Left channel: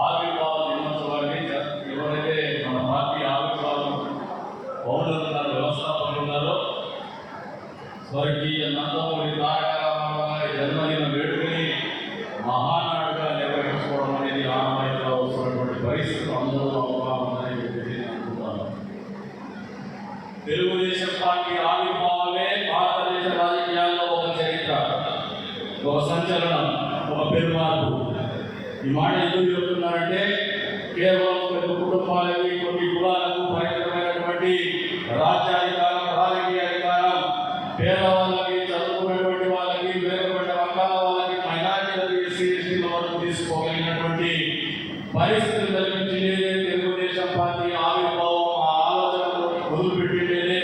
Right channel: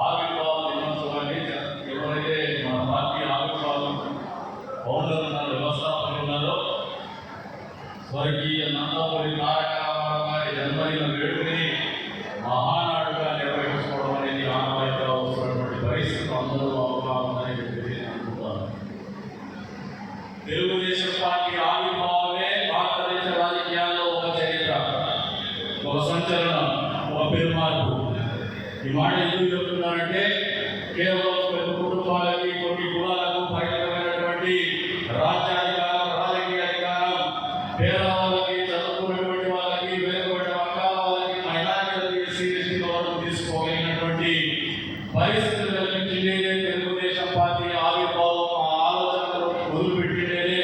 ఆవిర్భావ దినోత్సవాన్ని ఎవరైతే మన పార్టీ ఆవిర్భావం పౌరుల వ్యవస్థాపకులు ఉన్నారో స్వర్గీయ నందమూరి తారక రామారావు గారి జన్మదిన వేడుకని మహానాడుగా నిర్వహించుకోవడం అనేది ఆనవాయితీగా వస్తున్నటువంటి పరిస్థితులు అందరూ అవగాహన ఉందని చెప్పి అనుకుంటున్నాను. తెలుగుదేశం పార్టీ ఆవిర్భావమే భారతదేశ రాజకీయాల్లో ఒక చరిత్ర, ఒక సంచలనం, ఒక పెరుమార్పు. ఈ మాట ఎందుకు చెప్తున్నానంటే కేవలం కొన్ని కుటుంబాలకి, కొన్ని కులాలకు పరిమితమైనటువంటి రాజ్యాధికారం, రాజకీయ అధికారం పేదవాళ్ళకి, చదువుకున్నటువంటి వాళ్ళకి, వేరుపడ్డ వర్గాల వాళ్ళకి, మైనారిటీలకి, సీఎస్టీల వరకు తీసుకోగలిగినటువంటి పరిస్థితులు కల్పించిందే తెలుగుదేశం పార్టీ ఆవిర్భావం. ఆ ఆలోచనలు మొదలుపెట్టిందే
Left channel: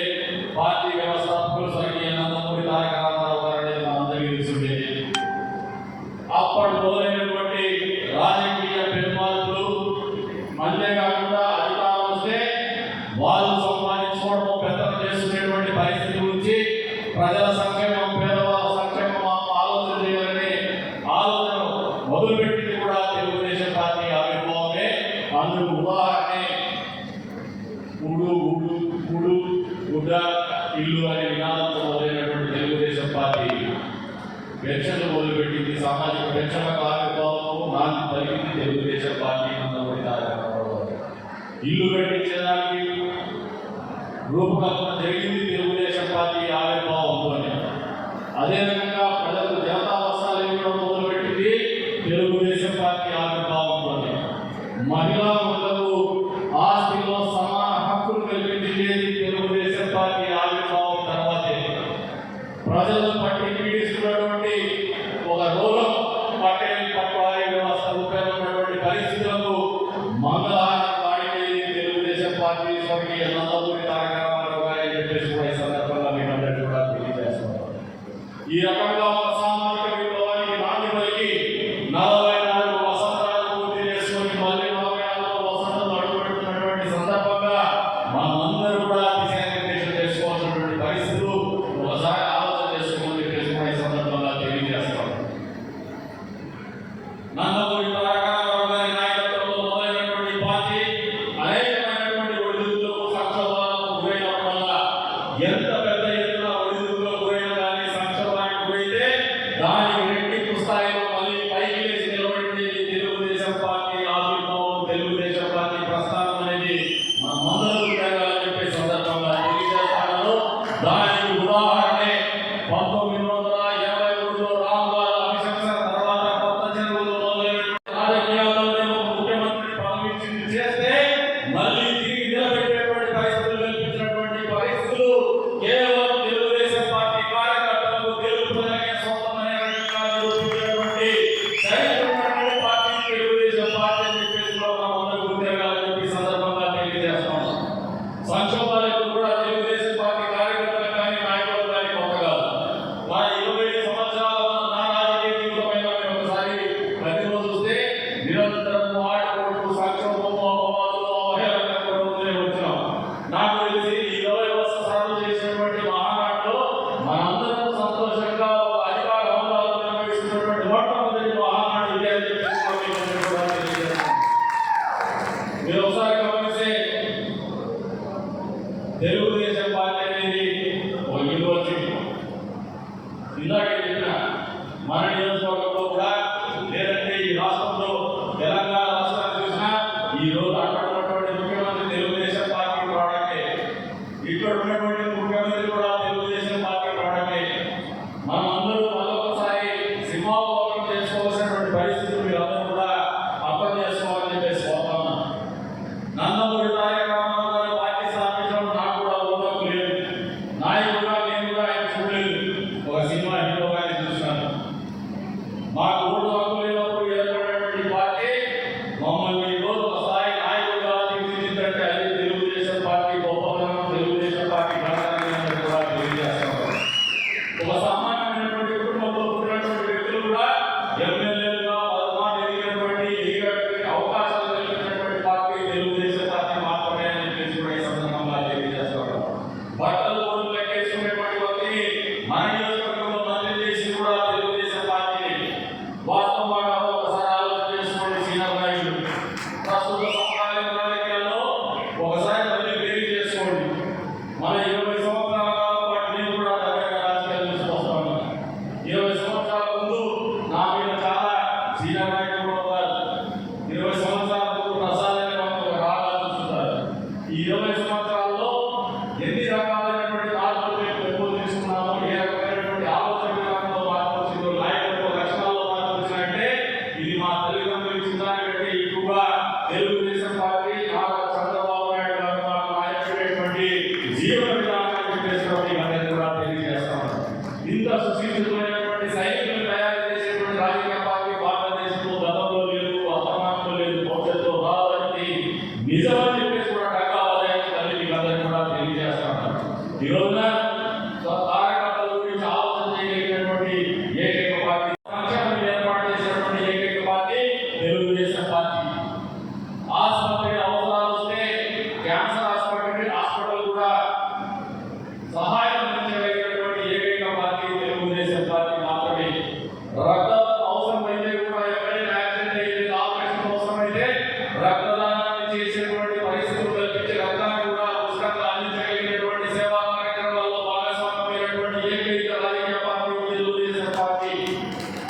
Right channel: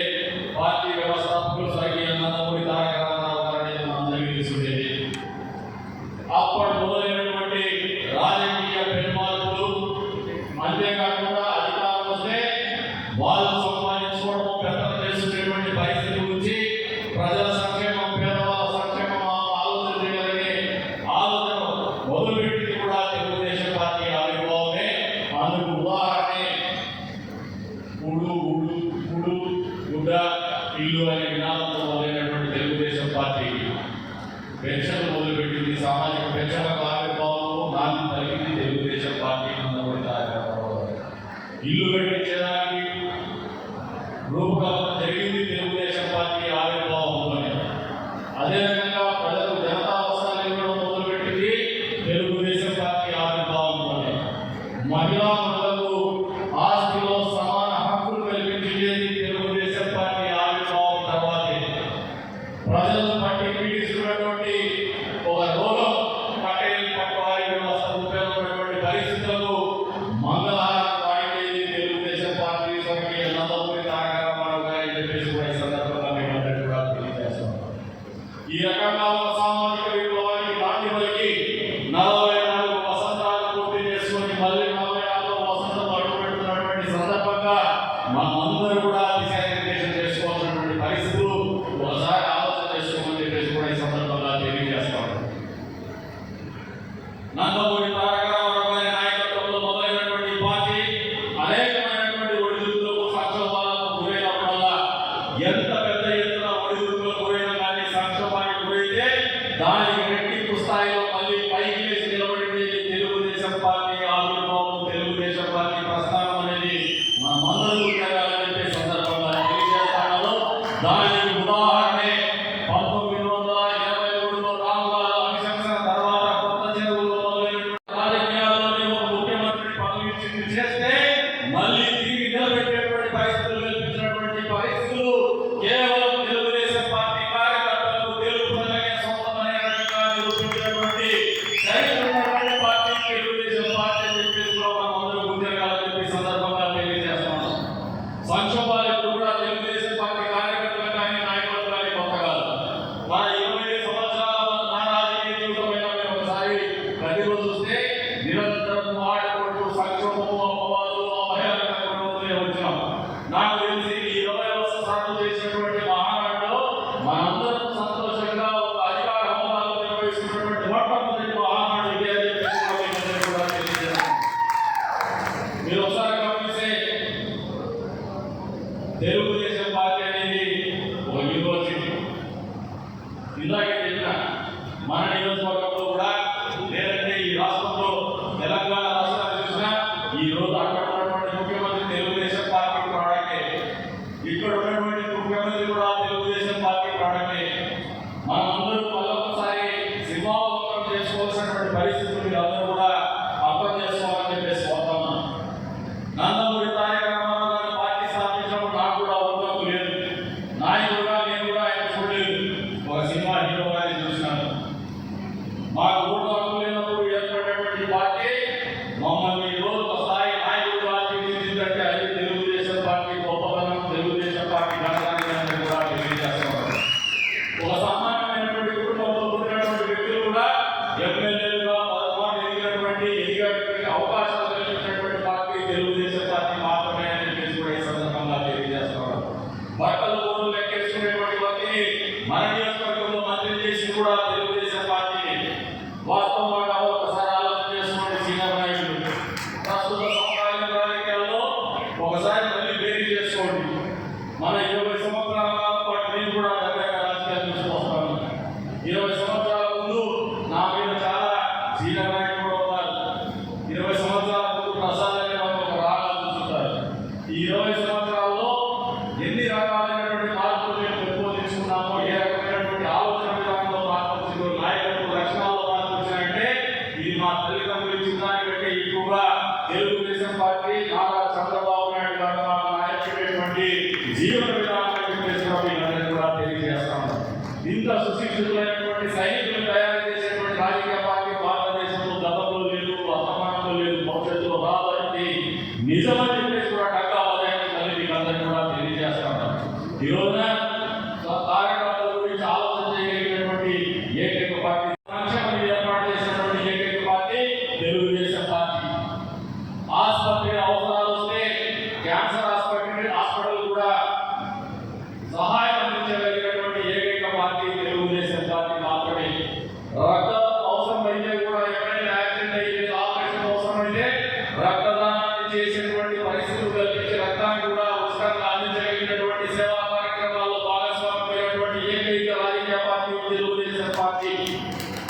పార్టీ వ్యవస్థాపకులు స్వర్గీయ నందమూరి తారక రామారావు గారు అనేది అందరికీ తెలిసిందే. అప్పటి మొదలైనటువంటి రాజకీయ పెరుమార్పులు, అంతేకాకుండా అధికారం వస్తే వాళ్ళు సంపాదించుకోవడం, పెద్దలు చేసుకునేటువంటి పరిస్థితి నుంచి ప్రజల సంక్షేమం, పేదవాళ్ళ సంక్షేమం ఆలోచన చేయాలనే ఆలోచన మొదలుపెట్టింది కూడా తెలుగుదేశం పార్టీ ఆవిర్భావమే. అందుకు ఉదాహరణ ఊడు ఊడు ఊడు గుడ్డ ఇల్లు అనే నినాదంతో మొదలైనటువంటి తెలుగుదేశం పార్టీ పెన్షన్లు మొదలుపెట్టింది. సామాజిక పెన్షన్ల ఆవిర్భావం నాలుగు కలిగింది తెలుగుదేశం పార్టీ. నందమూరి తారక రామారావు గారు ఇల్లు కట్టించడానికి రూపకల్పన జరిగింది తెలుగుదేశం పార్టీ ఆవిర్భావంతోనే. అదేవిధంగా ప్రజలకు జనతా అవసరాలు ఇవ్వడం మొదలుపెట్టింది తెలుగుదేశం పార్టీ ఆవిర్భావంతోనే. మహిళా మహిళలకు ఆస్తిలో సమాన హక్కులు కల్పించేది తెలుగుదేశం పార్టీ ఆవిర్భావం తర్వాతే. ప్రజలు పట్టి పీడిస్తున్నటువంటి ఒక రోగం పటేల్ పట్వారీ వ్యవస్థ ఉపయోగపడినటువంటి పరిస్థితులకు మంగళహారం కాయలేదు తెలుగుదేశం పార్టీ స్వర్గీయ నందమూరి తారక రామారావు గారు అని చెప్పేసి కూడా ఈ సందర్భంగా మీకు అందరికీ కూడా తెలియజేస్తున్నారు. ఈ రకంగా సామాజిక విప్లవానికి నాంది పలికి 44 వసంతాలు పూర్తి చేసుకొని మళ్ళీ 44వ వసంతం అడుగుపెడుతున్నటువంటి సందర్భంగా మనందరూ కూడా దిశానిర్దేశం చేసుకోవాల్సినటువంటి పరిస్థితులు ఒకసారి ఆలోచన చేసుకోమని చెప్పేసి కూడా ఈ సందర్భంగా తెలియజేస్తాను. నందమూరి తారక రామారావు గారి నాయకత్వంలో మొదలైనటువంటి పార్టీ అనేకమైనటువంటి ఒడిదుడుకులకు, సంక్షోభాలకు గురైనప్పుడల్లా ఎంత పెద్ద ఎత్తున ఒడిదుడుకులకు గురైనా కానీ, సంక్షోభానికి గురైతే దానికి రెట్టింపు స్థాయిలో మళ్ళీ పైకి లేచి నిలబడింది తెలుగుదేశం పార్టీ ఆవిర్భావం, తెలుగుదేశం పార్టీ ప్రస్థానం అనేది మనమందరూ జరగాలని చెప్పే సందర్భంగా తెలియజేస్తాను. దానికి ఉదాహరణే 1983లో రాముల అభిషేకం తర్వాత కొత్త చెరువులు మొదలైన రాజకీయాల్లోనే ఒక ముఖ్యమంత్రి పదవి చేస్తే మళ్ళీ తిరిగి నిలబెట్టేటువంటి పరిస్థితులు కల్పించినటువంటి పరిస్థితులు కేవలం తెలుగుదేశం పార్టీ కార్యకర్తలకు తెలుపుదలకే సొంతమనే రకంగా నిరూపించినటువంటి చరిత్ర పార్టీ తెలుగుదేశం పార్టీ అని చెప్పేసి కూడా మనందరూ గుర్తిరగాలని చెప్పి సందర్భంగా తెలియజేస్తున్నాం. సంక్షోభాలకు కూడా తెలుగుదేశం పార్టీ కార్యకర్తలు కానీ, నాయకులు కానీ కొత్త కాదు. నా 25 సంవత్సరాల నా రాజకీయ జీవితం మీద ఒకసారి ప్రతిరోజు చూస్తే నిరంతరం ఆటపోటు, సంక్షోభము, అపవాదులు, అవహేళనతోనే వచ్చినాం. నాకు తెలిసి ఈ 20 సార్లు చేసినటువంటి మహానాడులో మనందరం సంతోషంగా ఒక అధికార హోదాలో నిర్వహిస్తున్నటువంటి మొట్టమొదటి మహానాడు ఇదే అని చెప్పేసి కూడా తెలియజేస్తున్నాం. మీరు ఒకసారి గమనిస్తే తెలుగుదేశం పార్టీ అనేది ఒక యూనివర్సిటీ. ఇందాకే చెప్పిన మన నియోజకవర్గంలో కూడా, లేదంటే ఈ రాష్ట్రంలో తెలంగాణ రాష్ట్రాన్ని చూసినా ఈ రోజు అక్కడ ఉన్నటువంటి ముఖ్యమంత్రి తెలుగుదేశం పార్టీ ప్రాడక్టే, ఇక్కడ ఉన్నటువంటి ముఖ్యమంత్రి కూడా తెలుగుదేశం పార్టీ ప్రాడక్టే. మనం అందరూ మళ్ళొకసారి సింహావలోకనం చేసుకోవాల్సినటువంటి పరిస్థితులు మీరు అందరూ కూడా అర్థం చేసుకోవాలని చెప్పేసి కోరుతున్నాను. నందమూరి తారక రామారావు గారు పార్టీ స్థాపించడం నాకు కూడా అవకాశం లేదు. ఒకసారి మళ్ళీ వేరు చేసుకోండి. మన 20 సంవత్సరాల పాటు నేను కూడా దగ్గరగా రాజకీయాలు చూసుకొస్తాను. 20 సంవత్సరాల ముందు నా మీద చాలా సీననాయకులు కూడా ఉన్నారు. 20 సంవత్సరాల ముందు ప్రసాదాన్ని ఒక రాగాలు చూస్తారు. ఈ 20 సంవత్సరాల్లో ఎన్ని రకాలైనటువంటి మార్పులు మేము పెంపొందించుకున్నామో, ఏ రకమైనటువంటి ఆలోచన విధానంలో మార్పు వచ్చిందో, నాయకత్వ లక్షణాల్లో మార్పు వచ్చినాయంటే ఇది మా తల్లిదండ్రులు ఇచ్చిన దానికంటే ఎక్కువగా తెలుగుదేశం పార్టీ నారా చంద్రబాబు నాయుడు గారు నాయకుడైనటువంటి జీవన విధానాన్ని కూడా తెలియజేస్తాను. ఇంత సుశిక్షితులైనటువంటి సైనికులు తయారు చేసేటువంటి రాజకీయ పార్టీ భారతదేశంలో గతంలో లేదు, వర్తమానంలో లేదు, భవిష్యత్తులో రాదని నిజమని చెప్పేసి కూడా టకా ఆదాయాన్ని తల్లి అందరినీ కూడా తెలియజేస్తాను. ఈ రోజున కార్యకర్తల గురించి ఆలోచన చేయగలిగినటువంటి ఏకైక పార్టీ, సంక్షేమం ఏర్పాటు చేసినటువంటి ఏకైక పార్టీ తెలుగుదేశం పార్టీ. ఆసుపత్రి అవసరాలు వస్తే క్యాన్సర్ హాస్పిటల్ కూడా సహాయం అందించగలిగినటువంటి ఏకైక పార్టీ తెలుగుదేశం పార్టీ మాత్రమే. రక్తం అవసరమైతే కూడా ఎక్కడైనా యాక్సిడెంట్ అయితే, ఆపరేషన్ అవసరమైతే రక్తదానాన్ని చేసేటువంటి పరిస్థితులు కల్పించి రక్తాన్ని కూడా ఉచితంగా అందించగలిగినటువంటి సేవా కార్యక్రమాల్లో భాగస్వామ్యమైనటువంటి ఏకైక రాజకీయ పార్టీ తెలుగుదేశం పార్టీ.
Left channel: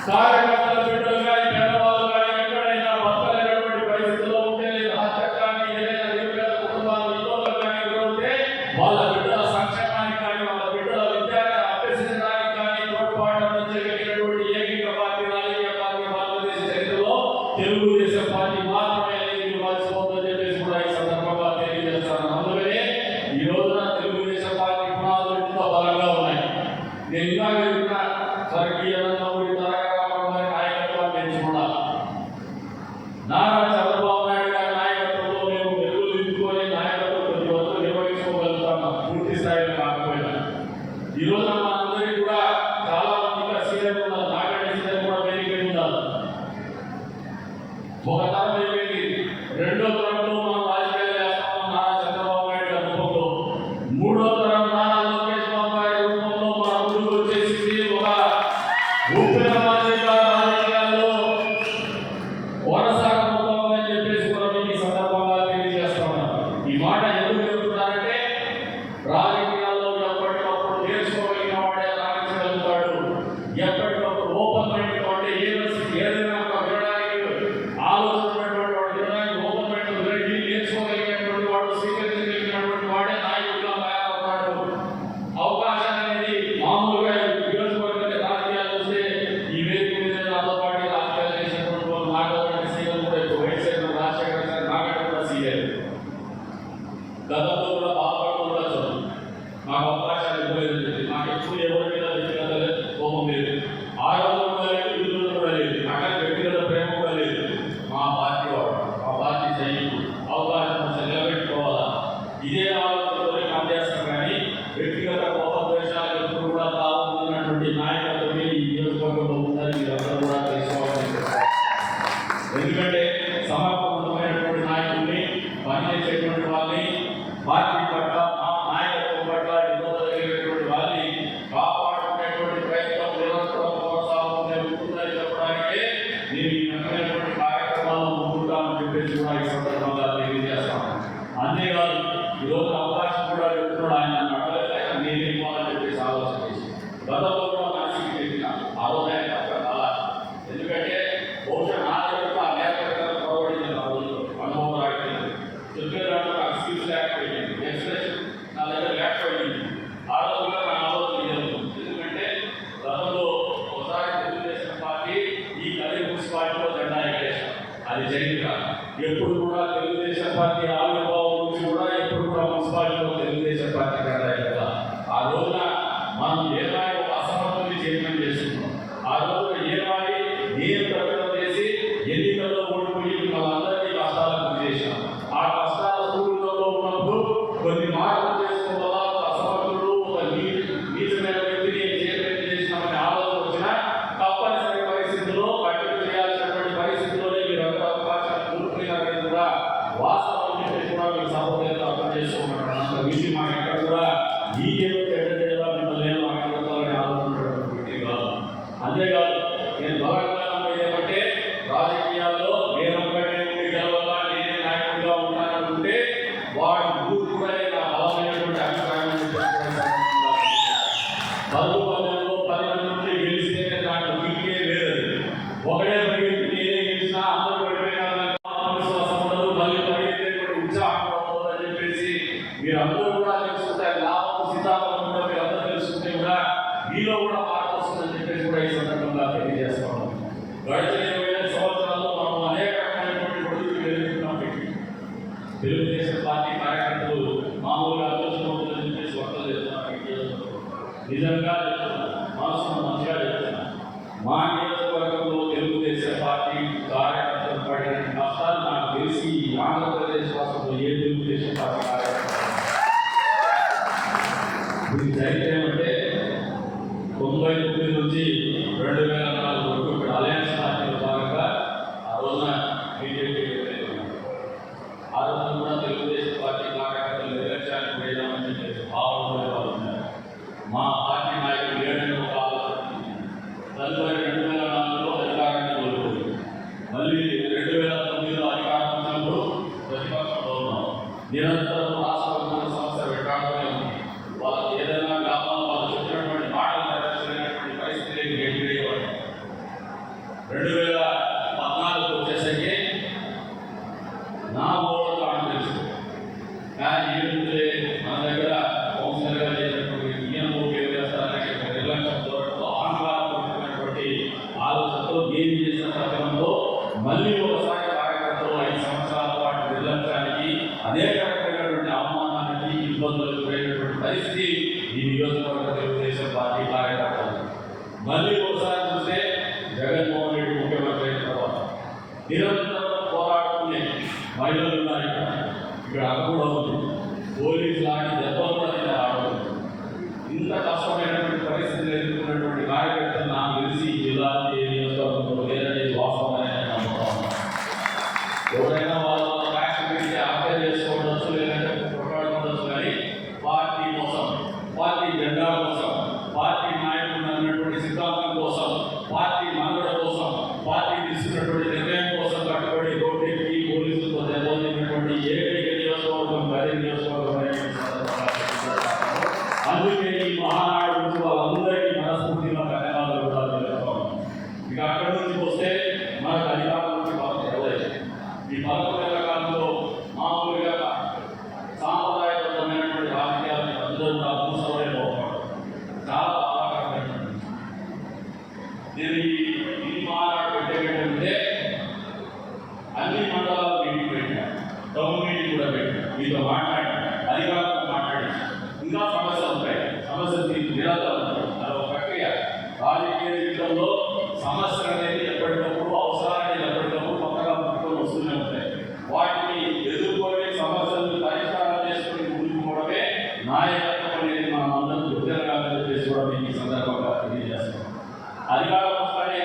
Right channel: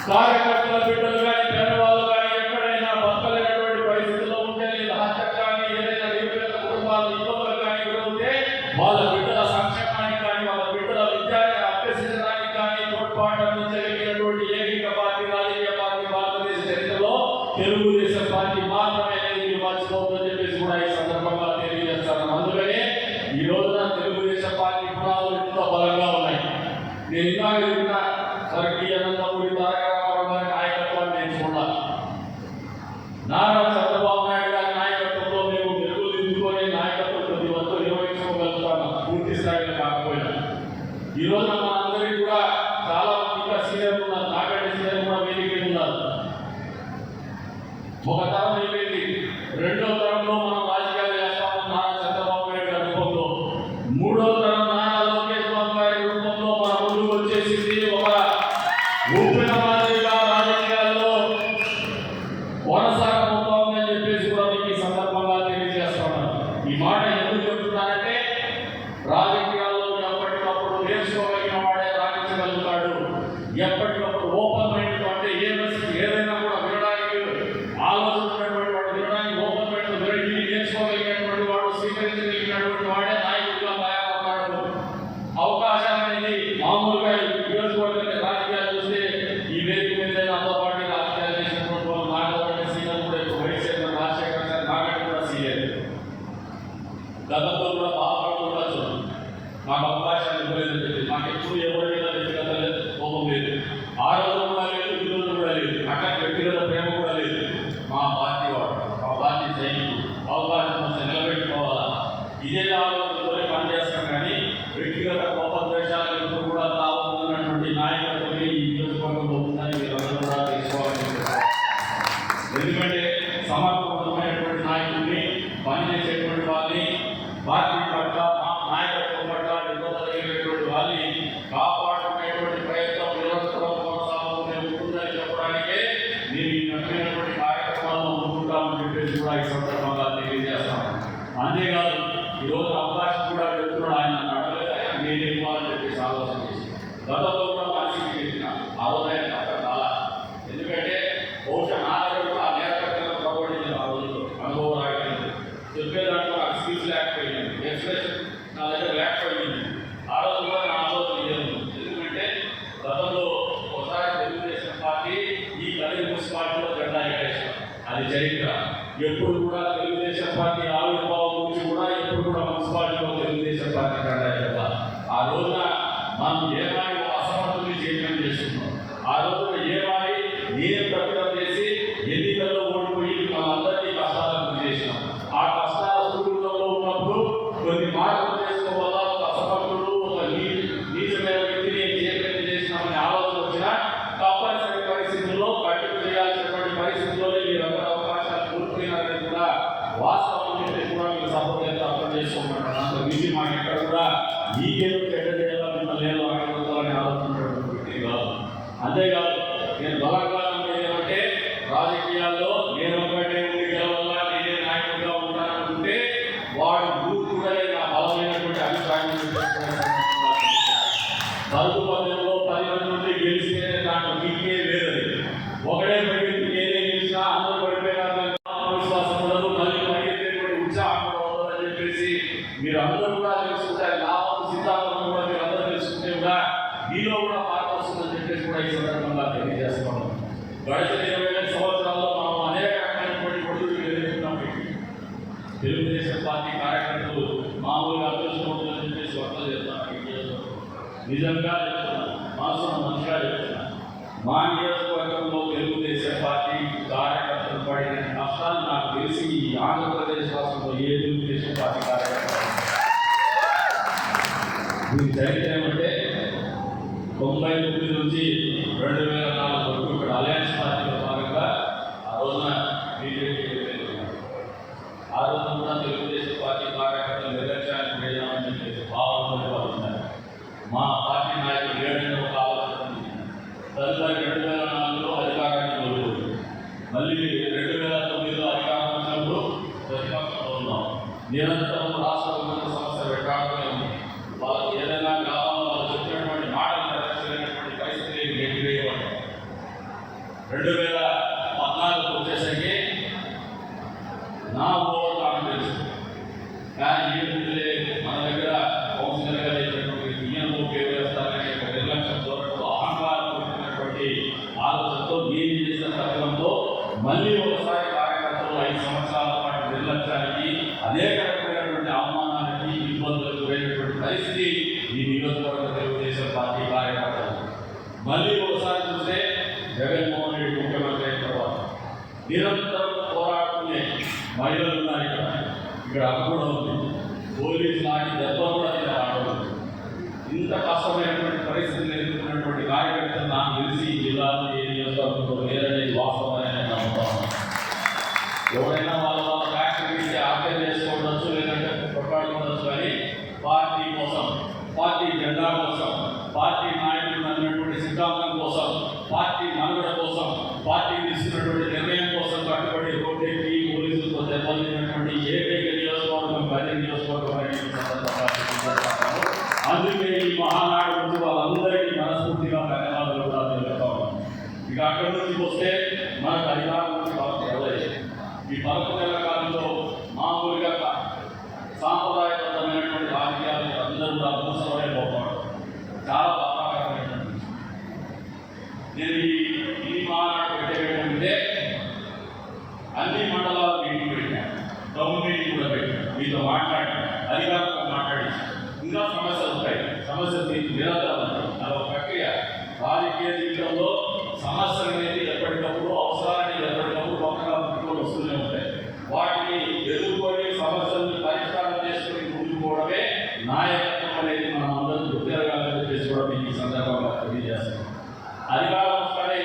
కార్యకర్తల బిడ్డలు కానీ పేదవాళ్ళు కానీ ఎక్కడైనా బతకలేనటువంటి పరిస్థితుల్లో ఉంటే, లేదా హత్య కానీ ఏదైనా నిరుపేద కుటుంబాలు ఇబ్బందులు కానీ ఉంటే వాళ్ళ బిడ్డల సంక్షేమానికి కానీ వాళ్ళ బిడ్డల విద్యాన్ని అభ్యసించడానికి కానీ తోడ్పాటు అందించగలిగినటువంటి ఏకైక పార్టీ రాజకీయ పార్టీ భారతదేశ చరిత్రలో తెలుగుదేశం పార్టీ మాత్రమే. ఇది మర్చిపోతుందని చెప్పేసి కూడా ఈ సందర్భంగా తెలియజేస్తాను. అందుకనే ఈ రోజున తెలుగుదేశం పార్టీ పునాదులు ఎంతో బలంగా ఉన్నాయి. నేను ఇంకా స్వర్గీయ నందమూరి తారక రామారావు గారి నాయకత్వాన్ని ఎంచుకున్నాను. నారా చంద్రబాబు నాయుడు గారి నాయకత్వంలో మేము మెరుగులు దిద్దుకొని నాయకత్వం ప్రతి ఒక్కరు నిర్వహించుకోగలుగుతాము, పూర్తి స్థాయిలో కాకపోయినా. ఈ రోజున మనందరికీ కూడా చాలా మంది ఇంకా సీనియర్లు ఉన్నారు, నాకంటే సీనియర్ కూడా వేదిక ఉన్నారు. ఒక తరం అయిపోయింది, రెండో తరంలో మనం రాజకీయాలు చేస్తాము నారా చంద్రబాబు నాయుడు గారి రూపంలో. మూడో తరం నారా లోకేష్ బాబు గారి రూపంలో మన ముందుకు వచ్చేసింది. ఒక ఊపిన మాదిరిగా రాజకీయాల్లో కొనసాగబోతోందని చెప్పేసి కూడా మీకు ఈ సందర్భంగా తెలియజేస్తున్నాను. ఈ మాట ఎందుకు చెప్తున్నానంటే, రాజకీయాల్లో ఎప్పటికప్పుడు నేర్చుకోగలిగిన వాడే రాణించగలుగుతాడు. ఎప్పటికప్పుడు ఓపెన్ మైండ్ అంటే ఏదైనా కూడా వినడానికి ఆలోచించినటువంటి వాడు, వినడానికి ఓపెన్ మైండ్ వెళ్ళి నేర్చుకోగలిగినటువంటి వాడు, స్వీకరించగలిగినటువంటి వాడే నాయకుడిగా తయారవుతాడు. అవకాశం అనేది మామూలుగా నియోజకవర్గ రాజకీయాలు చూస్తే ఈ వేదిక మీద నాతో పాటు రాజకీయాలు చేసినటువంటి వాళ్ళు నాగరెడ్డి సీఎం కూడా ఇప్పుడు వైఎస్ఆర్ రాజశేఖర గారు నాగరెడ్డి కూడా సీఎం. గతంలో కూడా బాధపడుతూ ఉండొచ్చు, మాకు అవకాశాలు ఇవ్వలేదని చెప్పి. మాకు ఎప్పుడు ఎవరి మీద వ్యక్తిగత కోపం లేదు, ఆరోగ్యం కూడా లేదు, విధులు కూడా లేదు, అక్కడ వ్యక్తిగత ప్రేమ కూడా లేదు. మా పార్టీ వాడు, మా పార్టీ సైనికుడు, అవకాశం నిలబెట్టుకోవాలా, ఇదే ఆలోచనతోనే పనిచేస్తాం. కానీ వ్యక్తిగత కోప ద్వేషాలు ఎప్పుడు కూడా తాగుతున్నటువంటి నాయకత్వమే ఈ నియోజకవర్గంలో ఉందని మీరందరూ కూడా తీసుకోవాలి. ఎందుకంటే సమర్థవంతమైనటువంటి నాయకుడిని, పనిచేసేటువంటి వాళ్ళని, పార్టీ పట్ల నాయకత్వం పట్ల నిబద్ధమైనటువంటి వాళ్ళని కాపాడుకునేటువంటి ప్రయత్నం నిరంతరం కొనసాగుతూనే ఉంటుందని చెప్పడానికే నేను ఈ రకమైనటువంటి కార్యక్రమాలను ముందుంటామని చెప్పేసి కూడా ఈ సందర్భంగా తెలియజేస్తాను. అంతేకాదు ఈరోజు అవకాశం కూడా వెళ్తున్నాడు. ఆయన నడవలేదు, నేను ఇవ్వాలని చెప్పేసి ఆలోచన చేసి గతంలో కూడా మనిషికి చెప్పిన ఆలోచన అక్కడ చాలా. ఎందుకంటే బహుశా నా దగ్గర ఆ నేతృత్వం ప్రవహించిన ఆ రోజుల్లో అనుభవం రాకపోయింది, చెప్పే దాంట్లో నాకు స్కిల్స్ లేకపోయింది, ఎక్స్ప్రెషన్ నా దగ్గర లేకపోయింది. ఆ రోజు కూడా నా ఆలోచన లేదు. ఎందుకంటే గతంలో ఒకసారి తెలుగుదేశం పార్టీ ఈ కలిగి మున్సిపాలిటీలో జెండా ఎగరేసాం, అది చరిత్ర. ఎప్పుడు కూడా తెలుగుదేశం పార్టీ ఆవిర్భావం నుంచి కూడా ఎప్పుడు కూడా మున్సిపాలిటీలో తెలుగుదేశం పార్టీ జెండా ఎగరాలి. ఆ రోజున మనం ఏమాయి అసమర్థుల్ని చైర్మన్ చేసుకున్నాం. ఆ రోజున ఏమాయి ఏ ప్రకటన చేసి ఎన్నికల్లో ఓడిపోయి మనందరికీ కష్టాలకు గురి చేసినాం. ఆ కష్టాల సుదూరంలో ఉన్నప్పుడు కొన్ని మాటలు చేసుకోవల్ల ఒక అసమర్థుడు, ఒక నీచమైన వ్యక్తిని చైర్మన్ చేసినామనే ఆలోచన వచ్చినా తప్పనిసరి పరిస్థితుల్లో కట్టుకు చేయాల్సినటువంటి పరిస్థితుల్లోనే మీరందరూ అవకాశాలు కోల్పోయినారని కూడా వాస్తవం చెప్పి కూడా మీకు సభలో అర్థం చేసుకోమంటారు. అంత విషయం మాకు ఎక్కడ కూడా మీకేదో చెడ్డ చేయడం మిమ్మల్ని నేను ఆకలించాలని ఆలోచించడం వ్యక్తి కాదు. అంతేకాదు నేను బలంగా ఏమంటే రాజకీయాల్లో నేను ఒకటే ఉండి గెలవల్ల నేనే నాయకుడిగా ఉంటాననుకుంటే వాడు పరుగు పల్లెల్లో 10 మంది ఉంటే గెలిస్తేనే దాంట్లో కిక్కే లేదు. ఒకడే పరిగెత్తి నేనే గెలిచినా అందరూ పడిపోయినా విశ్వాసం ఉండదు, మళ్ళీ పరిగెత్తేటువంటి ఉత్సాహం ఉండదు అని చెప్పేసి మీరు అందరూ కూడా తెలుసుకుంటే లాభం సిద్ధాంతం కూడా మీరు అందరూ తెలుసుకుంటే కూడా మీలో కూడా మార్పు వస్తుందని చెప్పేసి కూడా ఈ సందర్భంగా తెలియజేస్తున్నాం. గడిచిన 25 సంవత్సరాల్లో మనం అనేక రకమైనటువంటి ఒడుగులు ఎదుర్కొన్నాం. తెలుగుదేశం పార్టీ కార్యకర్తలు మామూలుగా ఆలోచన చెప్పేసి వర్తలు చేస్తున్నాం. నిజంగా చెప్తున్నాను, మనసును మంచిగా చెప్తున్నాను. మా నియోజకవర్గంలో తెలుగుదేశం పార్టీ కార్యకర్తలు పడిన కష్టాలు నాకు తెలిసి ఆంధ్రప్రదేశ్ రాష్ట్రంలో ఏ తెలుగుదేశం పార్టీ కార్యకర్త దీనికి చరిత్ర ఏమంటే 99 నుంచి 2004 వరకు ఇక్కడ అలయన్స్ పార్టీలో భాగంగా ఆ రోజున బీజేపీ ఆ రోజున తెలుగుదేశం పార్టీ కార్యకర్తలు నిర్లక్ష్యానికి వేయమని చెప్పేసి భావనలు ఉన్నారు. మా పార్టీ నాయకులు ఏడని ఒక ఆలోచన తదుపరి 2004లో అధికారానికి కోరుకుంది. మళ్ళీ 2009లో అధికారం వచ్చినప్పుడు ప్రతిపక్షంలో ఉన్నాం. నిరంతరం రాష్ట్ర సమస్య పెట్టాలని వాళ్ళకి ఏదైనా గ్రామంలో వాళ్ళు చెప్పినటువంటి మాటలు నెరవేర్చినటువంటి పరిస్థితి ఎదురయ్యేవాడు. 2014 వచ్చేసరికి నా ఊళ్ళో తెలుసు, కానీ ఏంటంటే మన దగ్గర కౌన్సిలర్గా చేసినటువంటి ఈయన ఓకే వేస్తారనే నిర్లక్ష్యం దూరంతో ఆంధ్రటువంటి ఆలోచనతో ఏం చేసిన తత్వంతో మళ్ళీ ఒకసారి కార్యకర్తలు 5 సంవత్సరాల పాటు నిర్లక్ష్యానికి అనేక రకమైనటువంటి అవమానానికి ఇబ్బందులకు పోయినటువంటి పరిస్థితి ఈ నియోజకవర్గ తెలుగుదేశం పార్టీ కార్యకర్తలు. మళ్ళీ ఒకసారి చూస్తే జగన్మోహన్ రెడ్డి ముఖ్యమంత్రి అయిన తర్వాత నిరంతరం పోరాడుకునే మహిళలు ఉన్నాయి. ఇక్కడ కూడా ఉంది, పోలీసు లాంటి దెబ్బలు కూడా నేను ఆడవచ్చు. ఇంత కష్టమైనటువంటి పరిస్థితులు ఎదుర్కొన్నటువంటి కార్యకర్తలు నాకు తెలిసి ఈ జిల్లాలో ఏ నియోజకవర్గంలో లేదనేది వాస్తవమైన నమ్ముతాను. ఎవరైనా వాళ్ళ ఫ్యాక్టరీ అర్థం చేసుకోవచ్చు, లేదంటే కొట్లాడుకోవచ్చు, కానీ పార్టీ కోసం, పార్టీ జెండా కోసం, పార్టీ నాయకులు అన్నటువంటి సిద్ధాంతం కోసం, పార్టీ మనుగడ కోసం, పార్టీ తీసుకున్నటువంటి నిర్ణయం కోసం కట్టుబడి రోడ్డెక్కి పోలీసులతో దెబ్బతిన్నటువంటి ఏకైక నియోజకవర్గం గది నియోజకవర్గం. అందుకే ఈ మహానాడు గురించి వాళ్ళందరికీ మనస్ఫూర్తిగా ధన్యవాదాలు కూడా తెలుపుతాం. ఇక అక్కడి నుంచి వస్తే మనకు అధికారం నుంచి వాళ్ళకి ఎవరైతే ఈ 11 కాలంలో మామూలుగా సాంప్రదాయబద్ధమైనటువంటి రాజకీయాలను అందరూ కూడా అదృష్టమైన పోతాడు. చాలా బాధాకరమైనటువంటి నేను ఈ మహానాడు పెట్టేటంటే అన్ని మండలాలు మీటింగ్ పెట్టాను, టౌన్ మీటింగ్ కూడా పెట్టాను, మీతో మాట్లాడి అధికారులతో మాట్లాడి ఇంకా సమస్యలు ఉంటాయి, సమస్యలు నిరంతరం ఉంటాయి. అదొక ప్రక్రియ. రాజకీయ జీవితంలో సమస్యలు అనేది ఎప్పటికప్పుడు అవసరాన్ని ఎప్పటికప్పుడు కొత్తగా పట్టుకొని వస్తూనే ఉంటాయి. వాటిని ఎదుర్కొని సమస్యలను పరిష్కారం చేసుకుని ముందుకు పోవడమే నాయకత్వం అనేది మనం అందరం గుర్తిరగాలని చెప్పేసి కూడా మీకు ఈ సందర్భంగా తెలియజేస్తాం. అధికారం వస్తేనే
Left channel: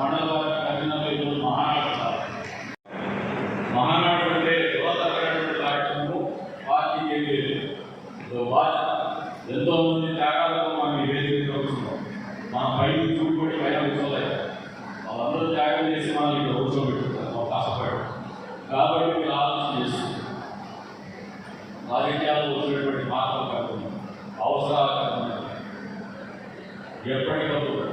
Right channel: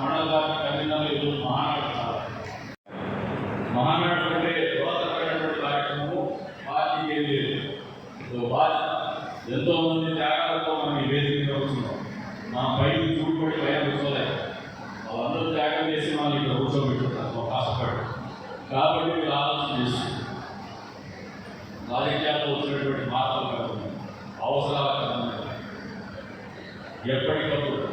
మండల పార్టీ కన్వీనర్లు మహానాడు అంటే యువతమైనటువంటి కార్యక్రమం పార్టీకి ఏం లేదు. ఎంతో మంది త్యాగాలతో మనం ఈ వేదిక వస్తున్నాం. మనం పైకి చూడబడి పైన కూర్చోలేదు, వాళ్ళందరూ త్యాగం చేసి మనం ఇక్కడ కూర్చోబెట్టుకుంటారు అవకాశపడు. కాబట్టి మీరు ఆలోచన చేస్తుంది రాజకీయాల్లో వచ్చినటువంటి మార్పులు కాకుండా అవసరాలు కాకుండా ఎప్పటికప్పుడు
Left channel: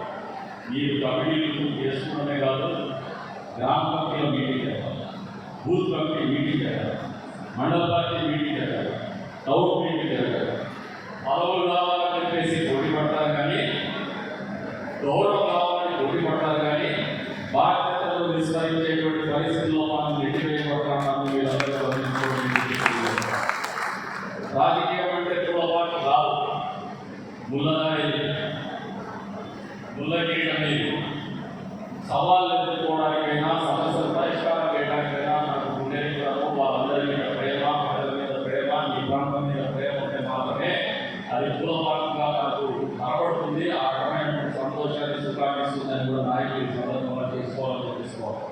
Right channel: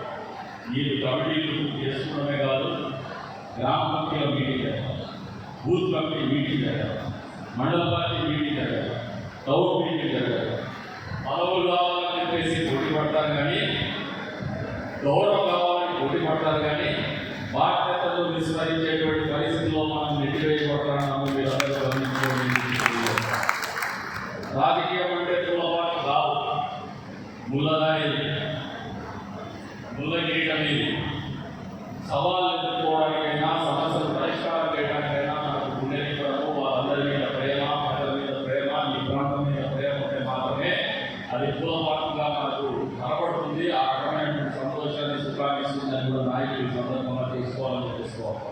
మీరు కమిటీలు చేస్తున్నామే కాదు, గ్రామ కమిటీలో మీటింగ్ చేయాలి, బూత్ కమిటీ మీటింగ్ చేయాలి, మండల పార్టీ మీటింగ్ చేయాలి, టౌన్ మీటింగ్ చేయాలి. పదవులు కావాలని చెప్పేసి పోటీ పడతారు, కానీ గౌరవం కావాలని పోటీ పడతారు, కానీ బాధ్యతలు విస్మరించేటువంటి పరిస్థితుల్లో మనం నెట్టివేయబడతామని మీరందరూ గమనించుకోండి. రాజకీయం అంటే పూలపాటు కాదు, ముల్లదారి ముల్లగిరి అనేది. సవాళ్ళు ఎదుర్కోవడానికైనా సమస్యలు పరిష్కారం చేయడానికైనా మనకు పుణ్యనివ్వడము, వాళ్ళందరి మీద ప్రేమ, ప్రజల మీద ప్రేమ, ఈ ప్రాంతం మీద ప్రేమ ఉంటే మాత్రమే అది పూలపాటుగా మనకు కనబడుతుంది. ఆ రకమైన సంతోషాన్ని సుఖాన్ని ఇస్తుందని కూడా నాయకులు ఈ సందర్భంగా తెలుసుకోవాలి.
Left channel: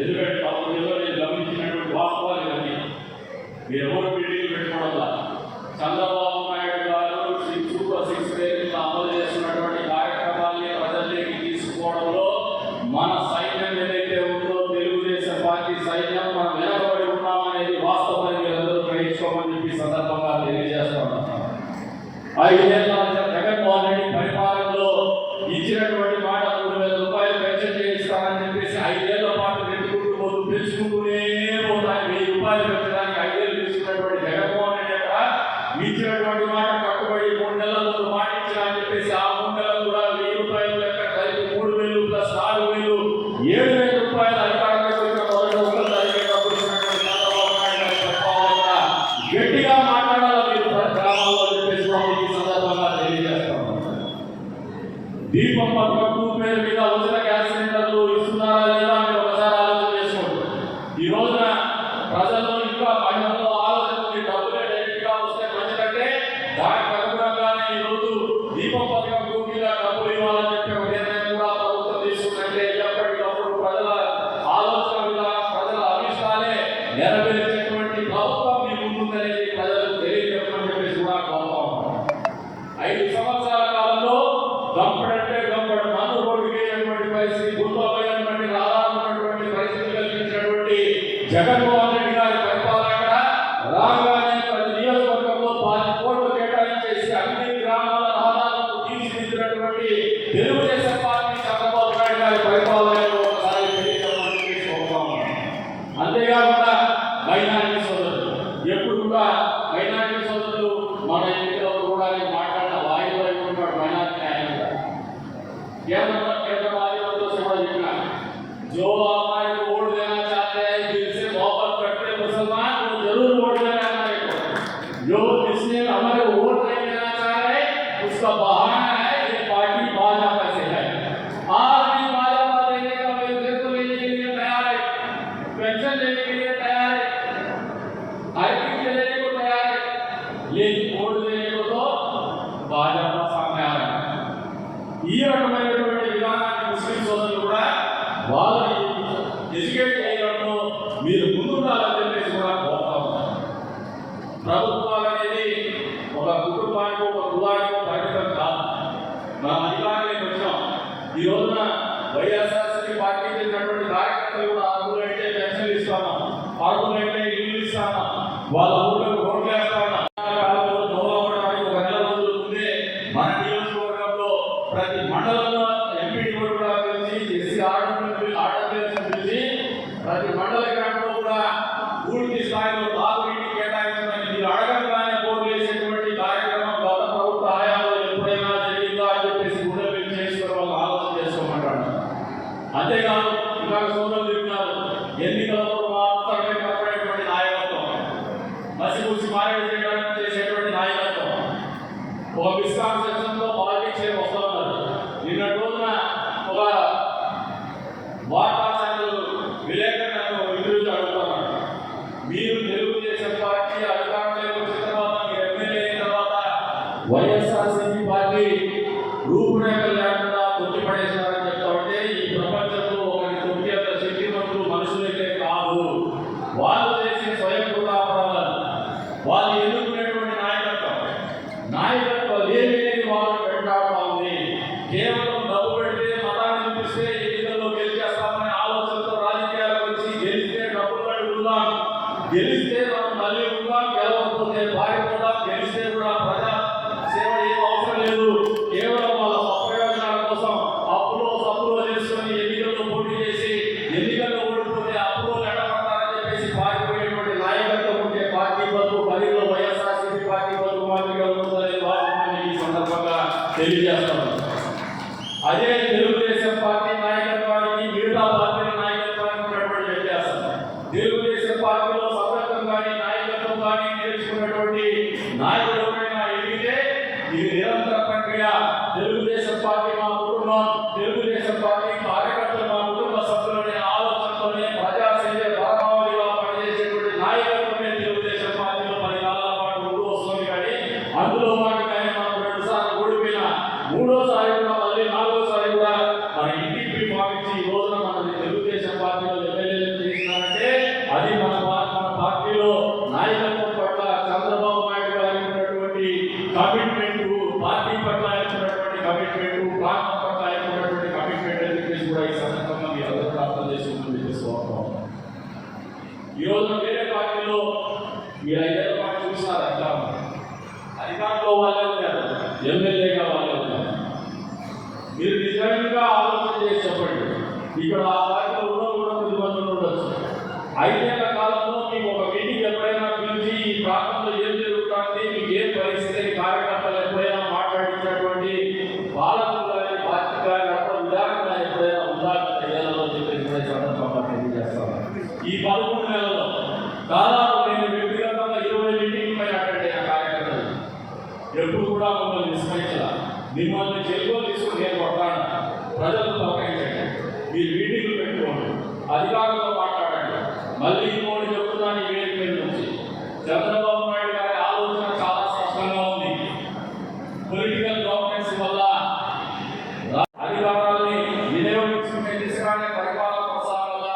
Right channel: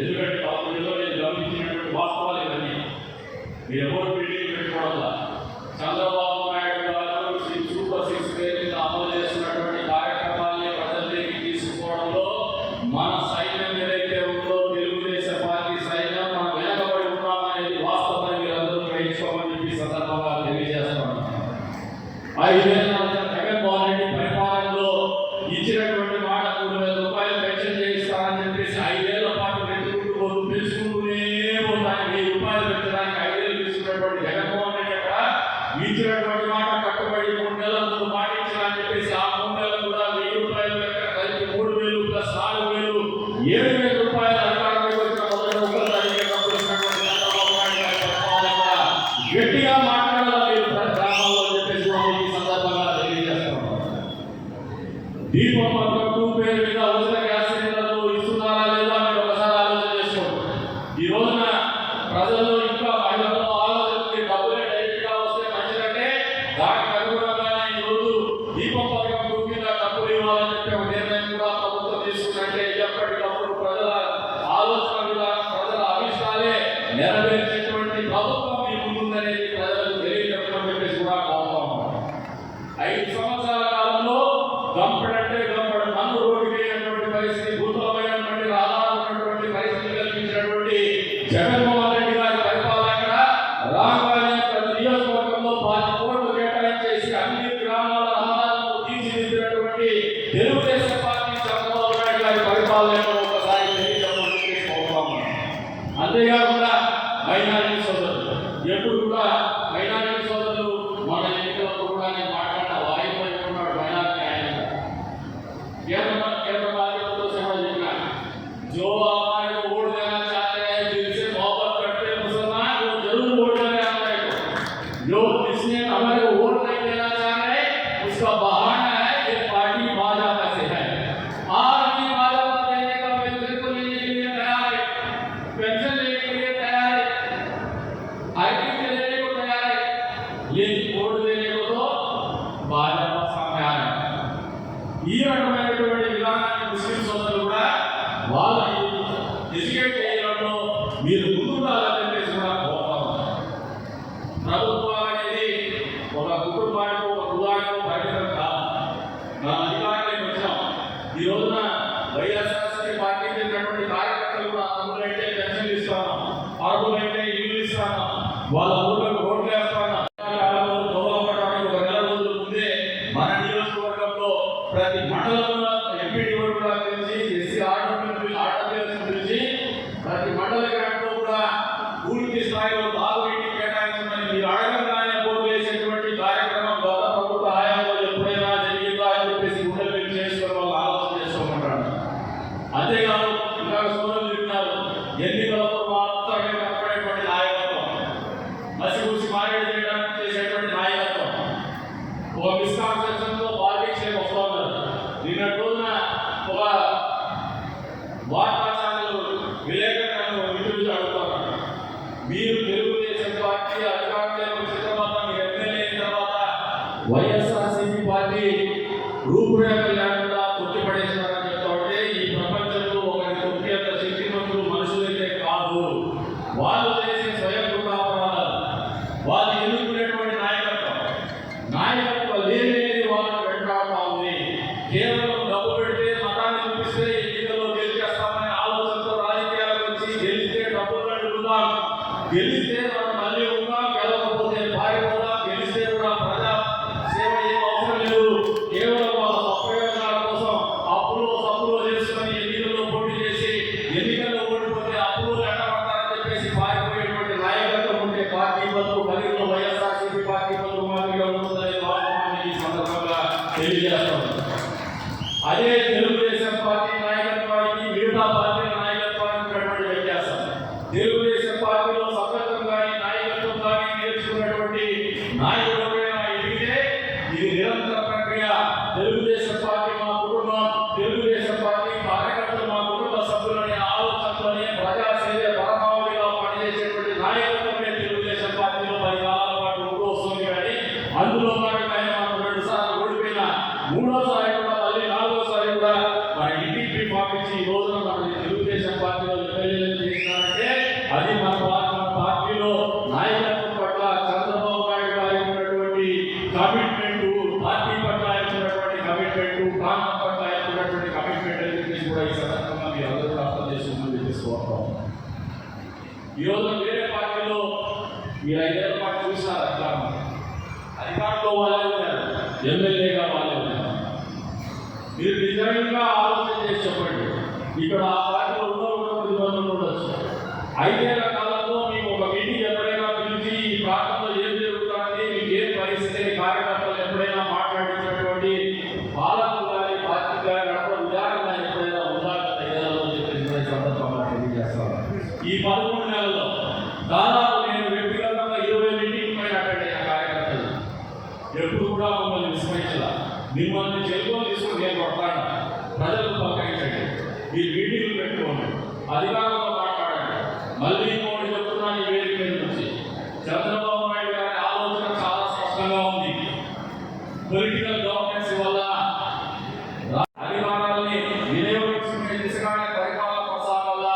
ఎందుకంటే తమలో నేను గమనించినటువంటి వాస్తవాలు ఇవన్నీ. మీరు ఎవరు మీటింగ్ పెట్టుకోవడం చంద్రబాబు నాయుడు గారు సూపర్ 6 పేరుగా అమలు చేస్తున్నటువంటి కార్యక్రమాన్ని ప్రజల్లోకి తీసుకోవడంలో మన సైన్యం ఏదైతే ఉందో తెలుగుదేశం పార్టీ సైన్యం మనం వెనకబడి ఉన్నామనేది వాస్తవాన్ని మీరందరూ గ్రహించుకోమని చెప్పి సందర్భంగా తెలియజేస్తున్నాను. 5 వచ్చినటువంటి జగన్మోహన్ రెడ్డి యొక్క ఇచ్చినటువంటి మాట కట్టుబడి 3 నెలల ముందు మాట ఇచ్చిన అని చెప్పేసి ఆ 3 నెలలు కూడా 1000 రూపాయలు లెక్క కలిపి 3000 ప్లస్ 4000 7,000 రూపాయలు అధికారంలోకి వచ్చిన మొదటి ఒక్కరు జరిగేటప్పుడు ఉన్నటువంటి చంద్రబాబు నాయుడు గారి పరిపాలన కూడా గట్టిగా మాట్లాడాలి మీరు గ్రామాల్లో చెప్పేసి ఈ సందర్భంగా తెలియజేస్తాం. దీపం పథకం పేరు మీద ఉచిత గ్యాస్ సిలిండర్లు ఇస్తున్నారా లేదా మీరు ఒకసారి ఆలోచన చేసుకోండి. ఈ రోజున ప్రజల్లో ఇంకా మహిళల్లో ఆలోచన డబ్బులు డైరెక్ట్ గా వస్తే మంచిదంటే దానికి అనుగుణంగానే ఈ రోజు దీపం పథకం పూర్తిగా డబ్బులు ఇవ్వాలని చెప్పి ఒక నిర్ణయం కూడా ప్రభుత్వం తీసుకుంటే ఎప్పటికప్పుడు ప్రజల ఆలోచన విధానం ప్రజల అభిష్టాలే నెరవేర్చేటువంటి ప్రభుత్వం మీ ముందుందనేది ప్రజలకు తెలియజెప్పమని చెప్పేసి కూడా కోరుతా ఉన్నాం. 5 సంవత్సరాల కాలంలో గంపడంటే గంపడు మన్ను రోడ్డుకి అయినటువంటి పరిస్థితి, భూతమైనటువంటి ఆధారమైనటువంటి పరిస్థితి కల్పించినటువంటి జగన్మోహన్ రెడ్డి గారి పరిపాలన రాగానే ప్రతి నియోజకవర్గంలో 10 కోట్లు కేటాయించేసి అన్ని గ్రామాల రహదారులను తీర్చిదిద్దినటువంటి తెలుగుదేశం పార్టీ చంద్రబాబు నాయుడు గారి పరిపాలనలో ఒకసారి తెలియజేయమని కోరుతాము. అంతేకాకుండా మైనారిటీ సోదరులు ఎప్పుడు కూడా మైనారిటీ సోదరులు మన ఎన్నికల్లో కూడా నేను మాట్లాడిన వాయిదా ఉన్నాడు మైనారిటీ ఆయన केंद्र बात समझना जो हमारे को वोट देना चाहते हैं दिल से मोहब्बत करते मुसलमान वो जरूर वोट देना हमारे को। जो जिसने हमारे को वोट नहीं देना चाह रहे उसका बहाना है ये पार्टी भाजपा से है। आज भी भाजपा देने का पेंशन को लेने के लिए तैयार है, पेंशन लेने के लिए तैयार है, आईटी लेने को तैयार है, लेकिन वोट देने को तो भाजपा सामने आ रहा है। ఈ రకమైనటువంటి విధానాన్ని ముస్లిం సోదరులు కూడా వాళ్ళని ఎడ్యుకేట్ చేయడంలో మీరు ముందుండాలని చెప్పేసి కూడా కోరుతా ఉన్నారు. ప్రభుత్వం అనేది ఒక కుటుంబానికి ఒక కులానికో పరిమితం కాదు. మన అధికారానికి వచ్చాం. ఈ రోజున వైఎస్ఆర్సీపీ పార్టీ చేసినటువంటి కార్యకర్తలు కూడా అర్హులైతే పెన్షన్లు ఇస్తాము, అర్హులైతే ఇల్లు ఇస్తాము, వాళ్ళ ఊళ్ళకు ఓట్లు వేస్తాము. ప్రతి మండలంలో ఎంపీడీ కూడా పిలిచి ఎస్సీ ఆర్డబ్ల్యూఎస్ పిలిచి ప్రతి మండల గ్రామంలో కూడా పూర్తి స్థాయిలో తాగునీటి కేటాయించమని మీరు అడగగానే పోటీ చేసేటువంటి కార్యక్రమం గత ప్రభుత్వ హయాంలో ఎప్పుడైనా జరిగిందా అని చెప్పేసి గుండెలు చేసుకుని వాళ్ళు ఆలోచన చేసుకోమంటారు. అంతేకాదు ఇంకా సోదరులు చెప్తున్నారు ఎన్నికలలో మాత్రమే కనపడేటువంటి నాయకత్వం, మసిపూసి మారేడు చేయడానికి చేసేటువంటి నాయకత్వం, ఒక మిస్కాన్సెప్షన్లో పాలిటిక్స్ వస్తూ ఉన్నారు. నిన్న రోజున ఒక వార్తా ఛానల్ విలేకరులను ఇంటర్వ్యూ అడుగుతున్నారు. మీరు తెలుగుదేశం పార్టీ అధికారంలోకి వచ్చిన తర్వాత మీరు ఎమ్మెల్యే అయిన తర్వాత వైఎస్ఆర్సీపీ పార్టీ రూపురేఖలు లేకుండా తొట్టిపడేశారని చెప్తా ఉంటే ఈ ప్రపంచంలో ఒకరి తొక్కేంత శక్తివంతులు మనుషులైతే కాదు, వాళ్ళు చేసే స్వయం కూడా అపరాధాలు, వాళ్ళు ఎన్నుకునేటువంటి నాయకత్వం లేని వాళ్ళు వెంటాడుతూ ఉంది. కేవలం డబ్బు పెడితే మతాన్ని చూపిస్తే ఎన్నికల్లో గెలిచేస్తామనే ఆలోచనతో రాజకీయాలకు వచ్చి గెలిస్తే డబ్బులు కట్టుకుందాం, గెలిస్తే మనం మళ్ళీ ఉందాం, గెలవకపోతే పారిపోదాం, గెలిస్తే కూడా ప్రజా సేవ ఏం అవసరం లేదు, కేవలం వాళ్ళ ప్రయోజనాల కోసం అప్పులో సప్పులో చేసుకొని ఎన్నికల్లో పోటీ చేసి ఎన్నికల్లో ఓడిపోతే అప్పులో లెక్కపడతారని చెప్పేసి పారిపోయేటువంటి నాయకత్వం ఉంటే పార్టీ బతుకు పరిధిలో వైఎస్ఆర్సీపీ పార్టీ బతుకు మాదిరిగా ఉంటుందని ఈ సందర్భంగా తెలియజేస్తాం. అదే తెలుగుదేశం పార్టీ నాయకత్వానికి మిగతా పార్టీల నాయకత్వానికి ఉన్నటువంటి వ్యత్యాసం. తెలుగుదేశం పార్టీలో సభ్యత్వం కానీ నాయకత్వం కానీ నేర్చుకున్నటువంటి నాయకులపైన ఎదిగితే ఇది నిరంతర ప్రక్రియ. తెలుగుదేశం పార్టీ మా కుటుంబం, తెలుగుదేశం పార్టీ కార్యకర్తలు మా కుటుంబ సభ్యులనే ఆలోచనతోనే ప్రజాసేవ పరమావధిగా పనిచేసేటువంటి నాయకత్వమే తెలుగుదేశం పార్టీలో 10 కాలాల పాటు ఉంటూ వస్తుంది. కానీ అందులో భాగంగానే మనం 2 సార్లు ఓడిపోయిన, 3వసారి కూడా మళ్ళీ 4వసారి కూడా మన ఇంటికి పంపించి ఈ రోజున మన తెలుగుదేశం పార్టీలో ఎమ్మెల్యేలు చేసినారంటే అది మన పార్టీలో నాయకత్వం పట్ల చంద్రబాబు నాయుడు గారికి ఉన్నటువంటి కమిట్మెంట్, పార్టీ పట్ల ఉన్నటువంటి కమిట్మెంట్, ప్రాంతం పట్ల ఉన్నటువంటి కమిట్మెంట్ అని చెప్పేసి కూడా ఈ సందర్భంగా మీరు అందరూ అర్థం చేసుకుంటూ చేసుకోవాలి. ఈ రోజున వేరే పార్టీలో మీరు 5 ఏళ్ల పాటు చూసినారు, అధికారంలో వాళ్ళే ఉన్నారు, ఎమ్మెల్యేగా వాళ్ళే ఉన్నారు. మీరు నిజంగా ఆలోచన చేసి చెప్పండి, ఇక్కడ ఆ పార్టీలో ఉన్న ఇబ్బందులు ఉండొచ్చు. 5 ఏళ్ల కాలంలో మీకు ఒక మీటింగ్ ఎప్పుడైనా పిలిచి మిమ్మల్ని చెల్లుకొని తీసుకుని నేను కొడతాను. ప్రజలు తొలగించండి, మీరు మీటింగ్లు పెట్టుకోండి, అధికారులతో మాట్లాడండి. మళ్ళీ ఇంకోటి చెప్తున్నాను, ఈ వేదిక మీద నుంచి చంద్రబాబు నాయుడు గారి ఆలోచన చాలా స్పష్టంగా ఉంది. పొలిటికల్ గవర్నెన్స్ వల్ల అధికారాన్ని వినియోగించుకునే దిశగానే పరిపాలన కొనసాగాల.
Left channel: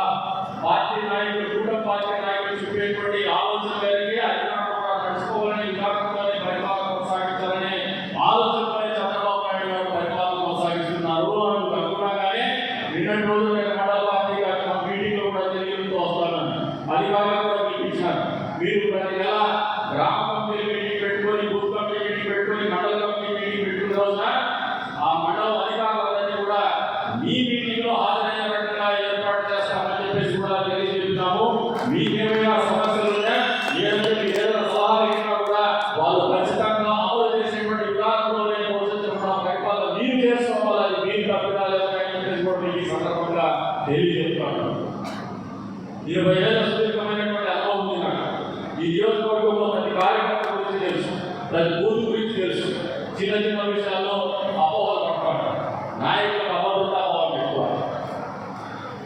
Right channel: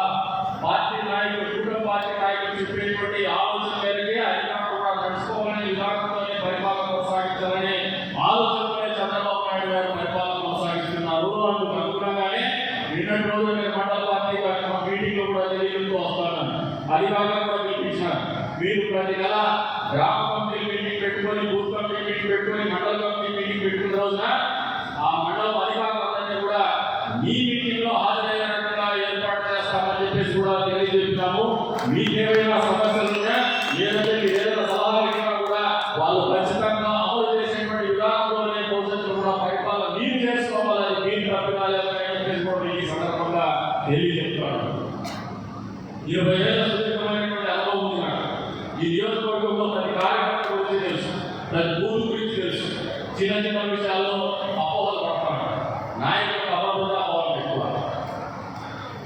పార్టీ నాయకులు, కూటమి పార్టీ నాయకులు చెప్పేటువంటి ఆలోచన మేరకే అధికారులు కూడా నడుచుకోవాలని, విభాగంలోనే పరిపాలన కొనసాగించాలని ఆలోచనలోనే చంద్రబాబు నాయుడు గారు పరిపాలన కొనసాగిస్తున్నారు. అందుకు అనుగుణంగానే నిన్నటి రోజు నేను మండల పార్టీ మీటింగ్ లో కూడా తెలియజేస్తూ వస్తాను. అధికారులు కూడా పిలిపించాను. మీరు ప్రతి నెల గ్రామ కమిటీ మీటింగ్ పెట్టుకొని, బూత్ కమిటీ మీటింగ్ పెట్టుకొని, మండల కమిటీ మీటింగ్ పెట్టుకున్న రోజున ఆ మండల అధికారులందరినీ కూడా మీ మీటింగ్ లో హాజరయ్యే రకంగా ఏర్పాటు చేస్తామని చెప్పేసి కూడా తెలియజేస్తున్నాము. మీకేమైనా సమస్యలు ఉన్నా, లేదంటే ఏదైనా సలహాలు ఇచ్చినా కూడా వాళ్ళు ఖచ్చితంగా అమలు చేసేటువంటి విధానంలోనే భవిష్యత్తులో కూడా పరిపాలన మీరు చేసుకోవాలి. మీరు తప్పిదాలని చెప్పేసి కూడా ఈ సందర్భంగా తెలియజేస్తున్నాను. 20 ఏళ్ళ సుదీర్ఘమైనటువంటి అనుభవం ఉంది నాకు. ఈ నియోజకవర్గంలో ప్రతి కార్యక్రమం గురించి తెలుసు, ప్రతి బూత్ గురించి తెలుసు. చిన్న చిన్న విషయాల్లో అపోహలు పడతాను. నాయకులకు అపోహలు అపోహలు ఎక్కువ.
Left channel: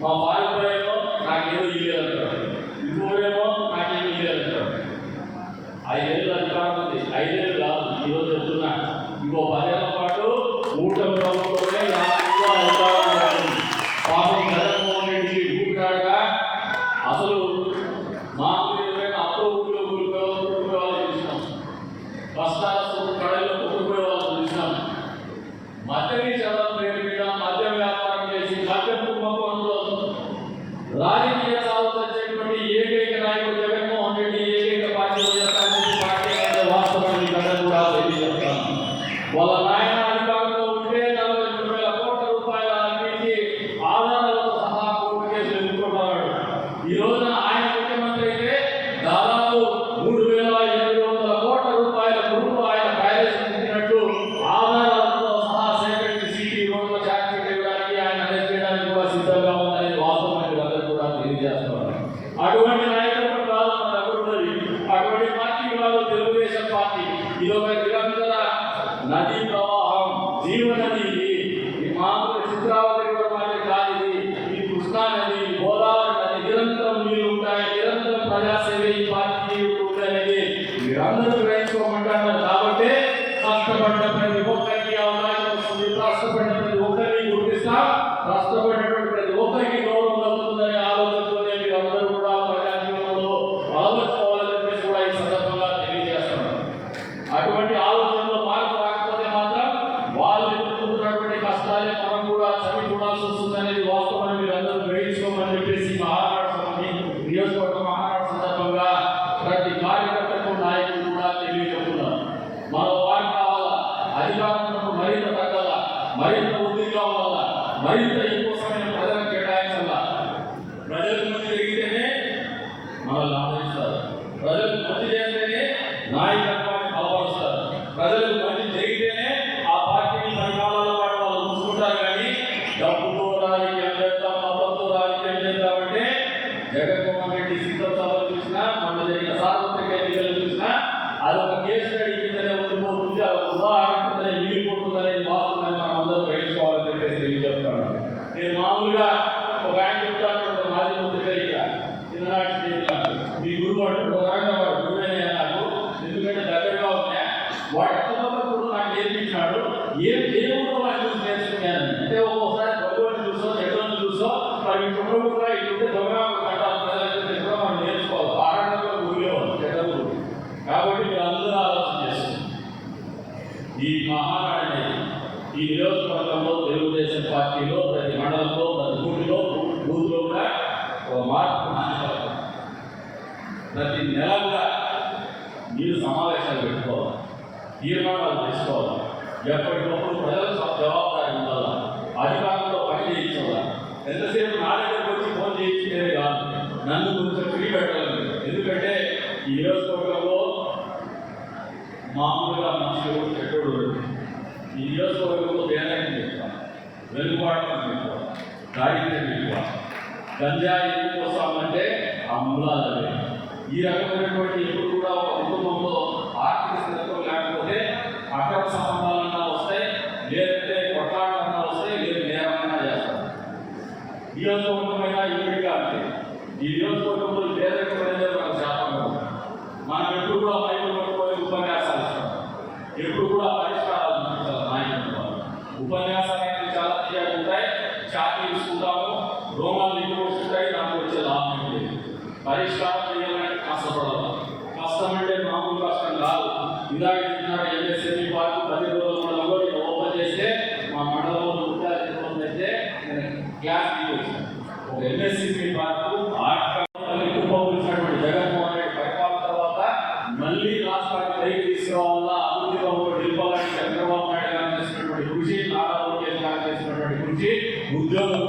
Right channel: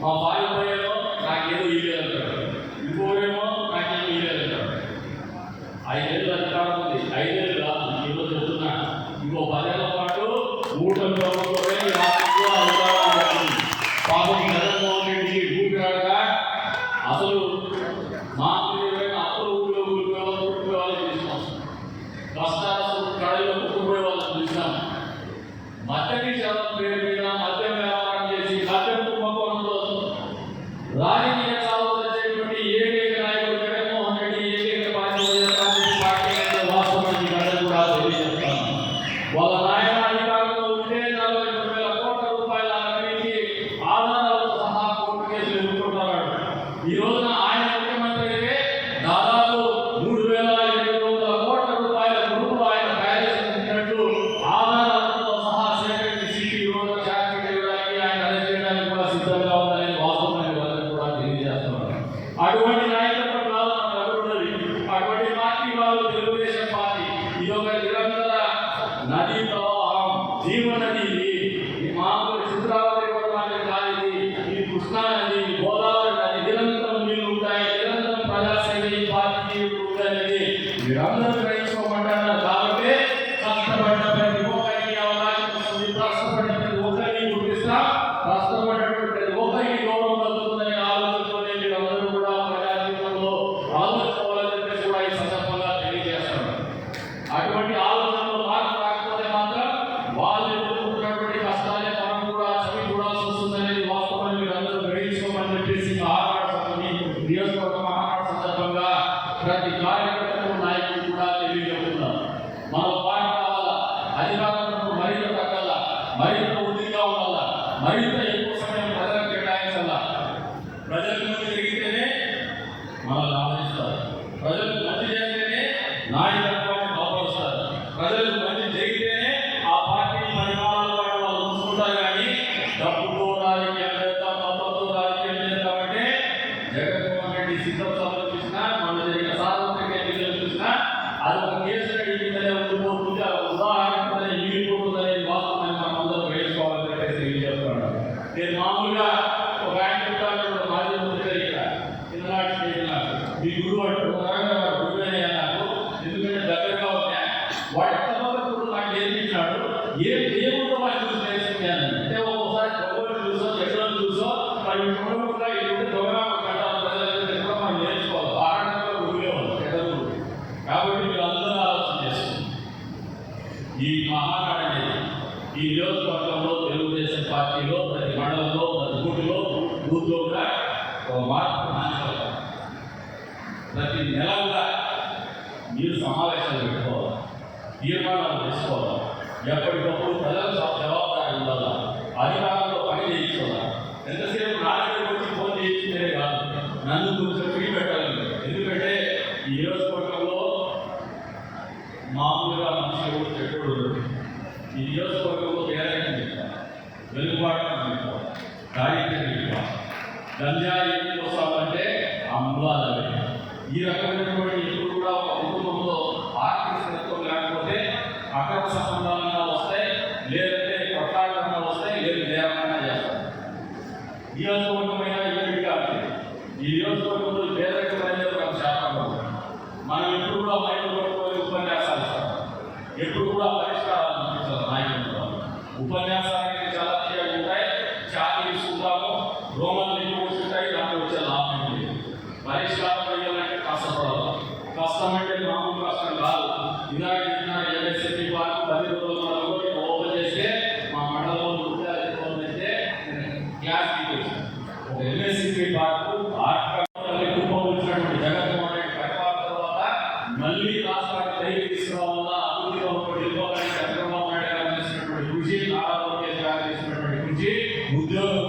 మా బాలిపోయేమో నాకేదో ఇయ్యలేదంటారు, ఇంకోరేమో నాకేమో ఇయ్యలేదంటారు. 5 ఏళ్ళు అధికారం ఉంది, 5 ఏళ్ళు కాదు, ఈరోజు చెప్తున్నా. ఇంకో 10 ఏళ్ల పాటు కూటమి ప్రభుత్వమే అధికారం ఉంటుంది. పాపం జగన్మోహన్ రెడ్డికి ఊపిరాడుగా అసలు మాకు ఏదైనా అప్పులు ఊళ్ళో ఊరిపోయేవాళ్ళు చూసినాం, కష్టాలు కడలో కుట్టుకుపోయేవాళ్ళు చూసినాం. మద్యని చదవం పేరు మీద మద్యం వ్యాపారం చేసి మద్యం కుంభకోణంలో రాజకీయ సాగు చేసేటువంటి ఏకైక నాయకుడు జగన్మోహన్ రెడ్డి, ఏకైక పార్టీ పార్టీ అనేది వాస్తవాన్ని ప్రజలు కూడా తెలియజేస్తాను. వాళ్ళ నాయన అధికారంలో ఉంటే 43,000 కోట్ల రూపాయల అవినీతి ఆధారాలతో సహా కోర్టు కేసులు ఎదుర్కొంటున్నాడు. ఈ రోజున ఆయన ముఖ్యమంత్రి అయితే దాదాపు 3,700 కోట్ల రూపాయల ప్రభుత్వం ఆయన తయారు ఆధారాలతో సహా సేకరించి సిటీ రోడ్ల ఛార్జ్ చేయడానికి, ఆయన అరెస్ట్ చేయడానికి కూడా సిద్ధంగా ఉందని వాస్తవమైన వాళ్ళని కూడా తెలియజేస్తున్నారు. అటువంటి నాయకులు కాదు మన అభివృద్ధి. అటువంటి పార్టీ వాళ్ళు తెలుగుదేశం పార్టీ. ఇది ఒక నిరంతర నదీ ప్రవాహం, జీవనది. ఈ మామూలు చిత్రావతి కూడా మనకి కాదు, ఇది కృష్ణా నది, గోదావరి నది, నిరంతరం నీళ్ళు ఉంటాయి, నిరంతరం ప్రజాసేవ ఈ పార్టీ ఉంటాయనేది మీరందరూ వేసుకోమంటున్నారు. కాబట్టి కష్టపడ్డ ప్రతి ఒక్కరికి అవకాశం వస్తుంది, కష్టపడ్డ ప్రతి ఒక్కరిని గుర్తిస్తా, కష్టపడినటువంటి ప్రతి ఒక్కరికి గౌరవం కలుగుతుందనే ఆలోచనతోనే మీరందరూ కూడా ప్రజాజీవనంలో ఆలోచించుకోవాలని చెప్పేసి కూడా ఈ సందర్భంగా తెలియజేస్తున్నారు. అటువంటి ఆలోచనలో మార్పు రాకపోతే మాత్రం వాళ్ళు ఎదుర్కొంటున్నటువంటి కష్టాలే మనం కూడా చవి చూడాల్సి వస్తుందనేది వాస్తవాన్ని మీరు అందరూ గ్రహించుకోమని చెప్పేసి నియోజకవర్గ మహానాడు సందర్భంగా ప్రతి కార్యకర్తకు నాయకులు కూడా తెలియజేస్తున్నారు. మన పార్టీ కావాలా, అధికారులకు మరింత తగ్గాల, మరింత వృద్ధిగా ఉండాలా, మరింత ఎక్కువ సమయం ప్రజలకు కేటాయించాలా. ప్రజలకు మంచి జరిగితేనే మనల్ని ఆదరిస్తారు, ప్రజలకు మంచి చేస్తేనే నాయకత్వాన్ని బలపరుస్తారు, ప్రజలకు మంచి జరిగితేనే ఆ పార్టీని పరిపాలనలో వాళ్ళు చూసుకుంటారు. కానీ డబ్బుతో రాజకీయం చేద్దాం, మతంతో రాజకీయం చేద్దామంటే జగన్మోహన్ రెడ్డి సిద్ధంలో చూసినా, మన జరిగిన సార్వత్రిక ఎన్నికలు చూసినా అది ఒక కేసు స్టడీ కిందనే ఉండిపోతుంది, ఉదాహరణనే మిగిలిపోతుందనేది వాస్తవాన్ని మనం అందరూ గ్రహించుకోవాలని చెప్పేసి తెలియజేస్తున్నాను. నేను మామూలుగా ఒక ఆయన చెప్తాను, మాజీ ముఖ్యమంత్రి చిన్ననాటి స్నేహితులు మీ గురువు గురువైన నాకు, ఎందుకంటే దగ్గరగా ఉన్నా వాటి తప్పకుండా నాకు నేర్పించినాడు. ఏ దేవుడు వాళ్ళు చూసి నేర్చుకున్నాను అంటే ఒక్కోసారి భగవంతుడు చూసో చెడ్డలను చూసో మరి కూడా ఇటు దొంగ ప్రజలు మనం నేర్చుకోవాలి. ఆడడంలో గురిలేవాళ్ళు చెడ్డలు. కాబట్టి మీరు అందరూ ఆలోచన చేస్తుంది. ఈ మహానాడు అనేది ఈ నియోజకవర్గంలో తెలుగుదేశం పార్టీలో ప్రతి మండలంలో, ప్రతి బూత్లో, బూత్లో కూడా ఒక మార్పు రావాలి. ప్రతి నెల కూడా మీరు సమావేశాలు పెట్టుకోవాలి, తీర్మానాలు తీసుకోవాలి, ఎప్పటికప్పుడు ప్రజలకు జవాబుదారీ ఉండాలా, అధికారంలో పని చేయించాలా. ఎంతసేపు నా దగ్గరకు వచ్చి ఫోన్ చేయించేదే కాదు, నన్ను కొంచెం ఫ్రీ పెట్టాలి. ఎందుకంటే ఈ నియోజకవర్గంలో మామూలుగా మనుషులు చెట్టుడు ఈ నియోజకవర్గంలో పేదరికం చెప్తాను, వెలుగుబాటును చెప్తాను, దారిద్ర్యం చెప్తాను, గంజాయి ఎందుకు వస్తామంటే ఆ మూలాలే. ఈ రకమైనటువంటి ఎప్పుడు కూడా కుటుంబంలో ఆర్థిక స్థితిత్వం లేకపోతే అక్రమ సంబంధాలుగా వస్తాయి, నియోజకవర్గమైన యూనిట్గా ఉంది. ఈ నియోజకవర్గంలో పేదరికమైన ఒక శాతం ఉంది. మనం ఎప్పుడు కూడా మైకులు పట్టుకొని ఉపన్యాసాలు ఇస్తాం, ఎప్పుడు కూడా పరిష్కారాలు చూపిస్తారు. నాయకులు ఉపన్యాసాలు అనేది చాలా తీయాలి ఉంటాయి, ఛాతీ తీసుకుంటాము, రోమాలు ఎక్కువ వస్తుంటాయి, దాంట్లో వచ్చే లాభం లేదు. పరిష్కారం చేయాలంటే కష్టపడాలి. కష్టం అంటే మామూలు కష్టం కాదు. ఇందాక ఎంఎస్ఎంఈ పార్క్ 10 రోజుల ఓపెన్ చేస్తే మా మండలంలో 150 అయితే క్లాస్ తీయచ్చు. ఒక ఎంఎస్ఎంఈ పార్క్ ఎక్కువటువంటి జగన్మోహన్ రెడ్డి పరిపాలన తర్వాత మళ్ళీ రాష్ట్రానికి పైకి తీసుకురావాలా, అభివృద్ధిలో నిలపాలని చంద్రబాబు నాయుడు గారు చేసినటువంటి కృషి, నారా లోకేష్ గారు చేసినటువంటి కృషి, ఉద్యోగం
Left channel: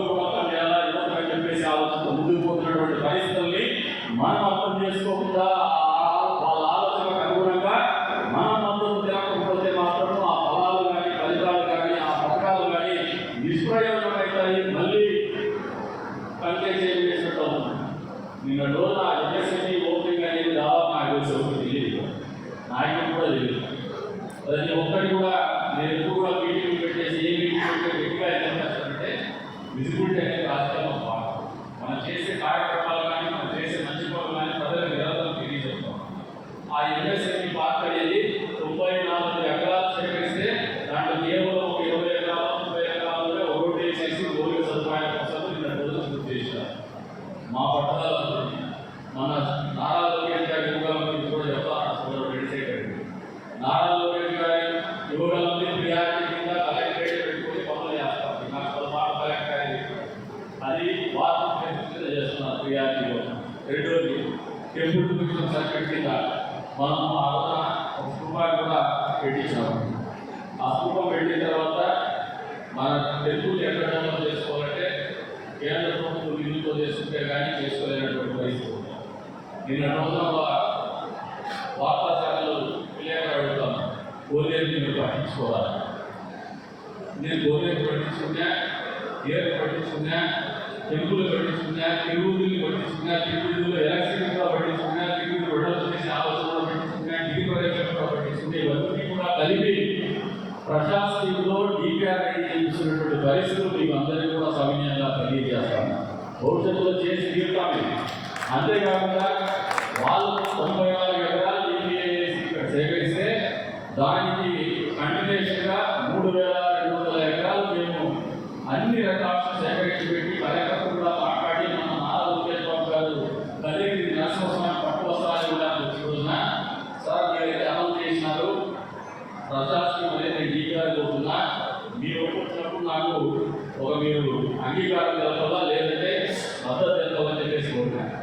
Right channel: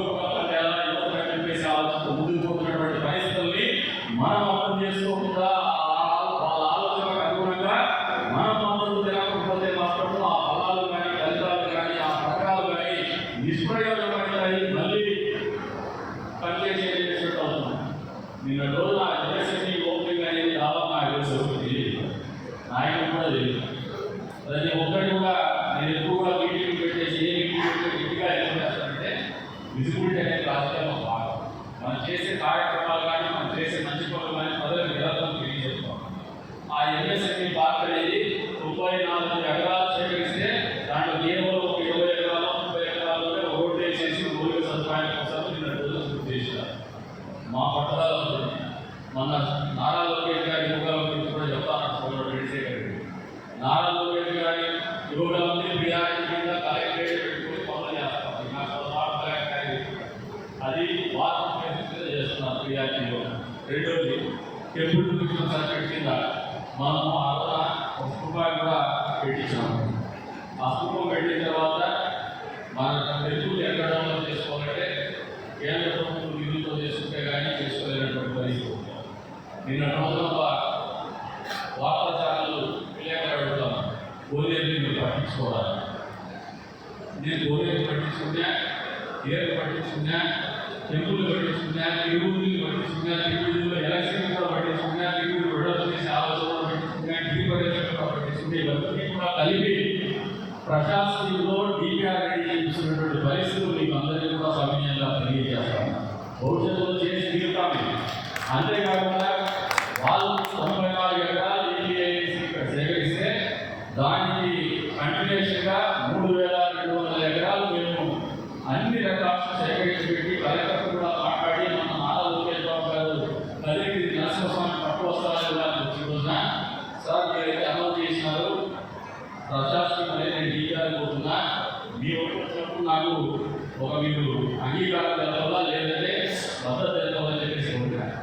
ఎలా ఇవ్వాలని చెప్పేసి ఆలోచన ముందుకు పోతున్నటువంటి పరిస్థితుల్ని మనం అర్థం చేసుకోకుండా వాళ్ళ ఆలోచనకు అనుగుణంగా మనం మద్దతు తినకపోతే మాత్రం ఆ ఫలాలు కానీ ఫలితాలు కానీ ఆ పథకాలు కానీ నిష్ప్రయోజనమవుతాయి, మళ్ళీ పనిచేసేటట్టు అవుతుంది. నిన్న రోజు నా ఎంఎస్ఎంఈ ఓపెనింగ్ అనేది దాదాపు నాకు తెలిసి తెలియదు, నాయకుడు కూడా తెలియదు. ప్రతి ఒక్కటి కూడా నేను ఎప్పుడు కూడా మీటింగ్ పెట్టేసి ఏ మీటింగ్ పెట్టి గట్టిగా ఏం చేస్తానంటే విజిబిలిటీ అనేది రాజకీయాల్లో భాగం. మనం చేసే కార్యక్రమాలు కానీ మనం చేసే మంచి పనులు కానీ ప్రజలకు నిరంతరం తెలియజేస్తాం. ఆ ఎంఎస్ఎంఈ పార్క్ అనేది 94 ఎకరాలు సేకరిస్తే దాంట్లో నియమంలో ఒక 20 ఎకరాలు 30 ఎకరాలు రోడ్డు వేసేసి రోడ్డు సదుపాయాల కోసం నిన్న రోజు పూర్తి చేశారు. మా పట్టణాల్లో మన నారా లోకేష్ గారి యువకుల కూడా చెప్తాను. నారా లోకేష్ గారి యువకులని ప్రియారిటీ కింద కలెక్టరేట్ పెట్టుకుని పనులు చేస్తాం. నాకు మాట కలెక్టర్ అది వారం చేస్తున్నారు ప్రియారిటీలో. రెండోది టెంపుల్ సర్టిఫికేట్ కింద మనం ఒక రూపాయలు కూడా పెట్టించాము. ఆ స్థూపం పెట్టిన తర్వాత మన టెంపుల్ ఎక్కడ చేసుకోవాలంటే కేంద్ర ప్రభుత్వం నిధులతో చేసుకుంటే కానీ చేసుకోలేనటువంటి పరిస్థితి. నిన్న రోజుల్లో వార్తా ఛానళ్ళు విలేకరు అడుగుతాను, గోలేరు మీరు పట్టించుకోవాలి. నేను గోలేరు పట్టించుకున్నా, ఏరు పట్టించుకున్నా, టెంపుల్ పట్టించుకున్నా, తిరుగుతులు పట్టించుకున్నా, తిరుగుతుల్లో ఎలక్షన్ పట్టించుకున్నా, తిరుగులు విడుదల చేసే ఆలోచనలు పట్టించుకున్నా, ఢిల్లీ పర్యటన పట్టించుకుంటే ఇవన్నీ కూడా కలిపి ప్రశాసనంలో డిపిఆర్ రెడీ చేసినటువంటి పరిస్థితులు మీకు అందరికీ కూడా సమయంగా తెలియజేస్తాను. భవిష్యత్తులో చేసి తీరుతాము. అంతేకాకుండా వాళ్ళు 94 ఎకరాలు ఏపీఐసి ఇక్కడ సేకరిస్తే దానికి కంటిన్యూషన్గా 3200 ఎకరాలు మేము అన్ని రికార్డ్స్ సేకరించి పెట్టి కలెక్టర్ కూడా మాట్లాడి మన నారా లోకేష్ బాబు గారు కలిగి నరసింహస్వామి పట్టు వస్తారని వచ్చిన సార్ మీరు అమలు చేసినారు, ప్రజాస్వామ్యం అనేది డీఆర్ పోతున్నా మీ వచ్చినప్పుడు నాకు ఒక మీరు అంగీకారం తెలపాలా లేదంటే మద్దతు తెలపాలని చెప్పేసి కోరుకున్నాను.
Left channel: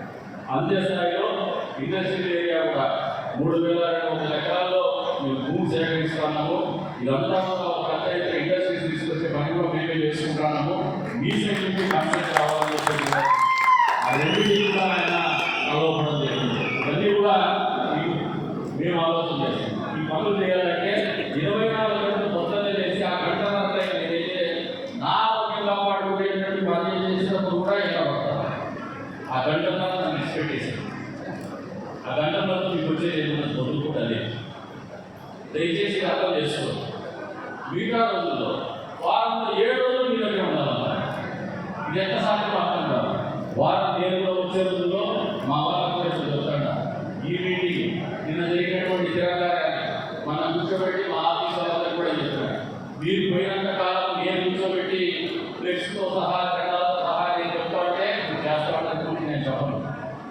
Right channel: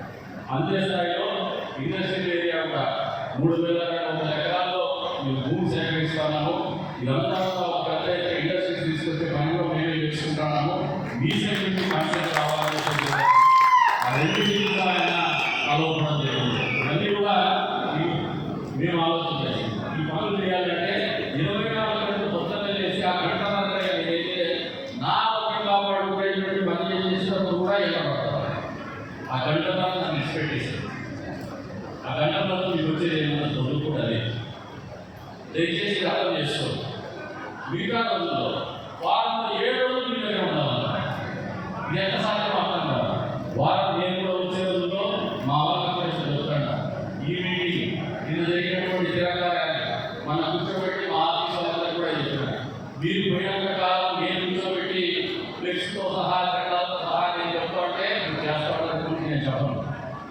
అంతే స్థాయిలో ఇండస్ట్రియల్ ఏరియా కూడా 3200 ఎకరాల్లో మేము భూమి సేకరిస్తున్నాము. ఇదంతా పంచాయతీ ఇండస్ట్రీస్ తీసుకొచ్చే పని కూడా మేమే చేసుకుంటున్నాము. మీ సైడ్ నుంచి కాన్సెప్ట్ కావాలని చెప్పి ఆ రెండింటినీ కూడా ఆయన ఆలోచన జరిగింది. ఇవన్నీ కూడా మేము ఆలోచన చేస్తాం. ఈ పనులు చేయాలంటే 24 గంటలు పొద్దున్నే లేచి ఆ గంటలంతా ఏదైతే నా ఆరోగ్యం కాపాడుకునేటువంటి పనులు చేసినప్పుడు కూడా ఇలా పడతారు. ఆ గంటలంతా నన్ను ఎక్స్పెక్టేషన్ ఆ గంటల్లో మీకు వచ్చేది ఏమన్నా చదువుకుంటా లేదు. దయచేసి అర్థం చేసుకోండి. మిగతా రోజుల్లో వారంలో 7 రోజులు మీ దగ్గర ఉండాలన్నారు. ఇది ఎంత సాధ్యం అర్థం కాదు. వారం నేను కూడా వచ్చే రోజుల్లో మా వాళ్ళ చెప్తాను. ఈ మీటింగ్ నిన్న జరిగినటువంటి తిరగాలని మన కూర్చోబెట్టి మా ఆఫీస్ వాళ్ళంతా కూడా చెప్తున్నాను. మీరు పోయినంత కాలం నేను కూర్చోబెట్టి ఫ్లెక్స్తో సహా చట్టాలతో సహా నేను చెప్తా ఉంటే మీరు చేస్తామని గురించి నేను చెప్పను.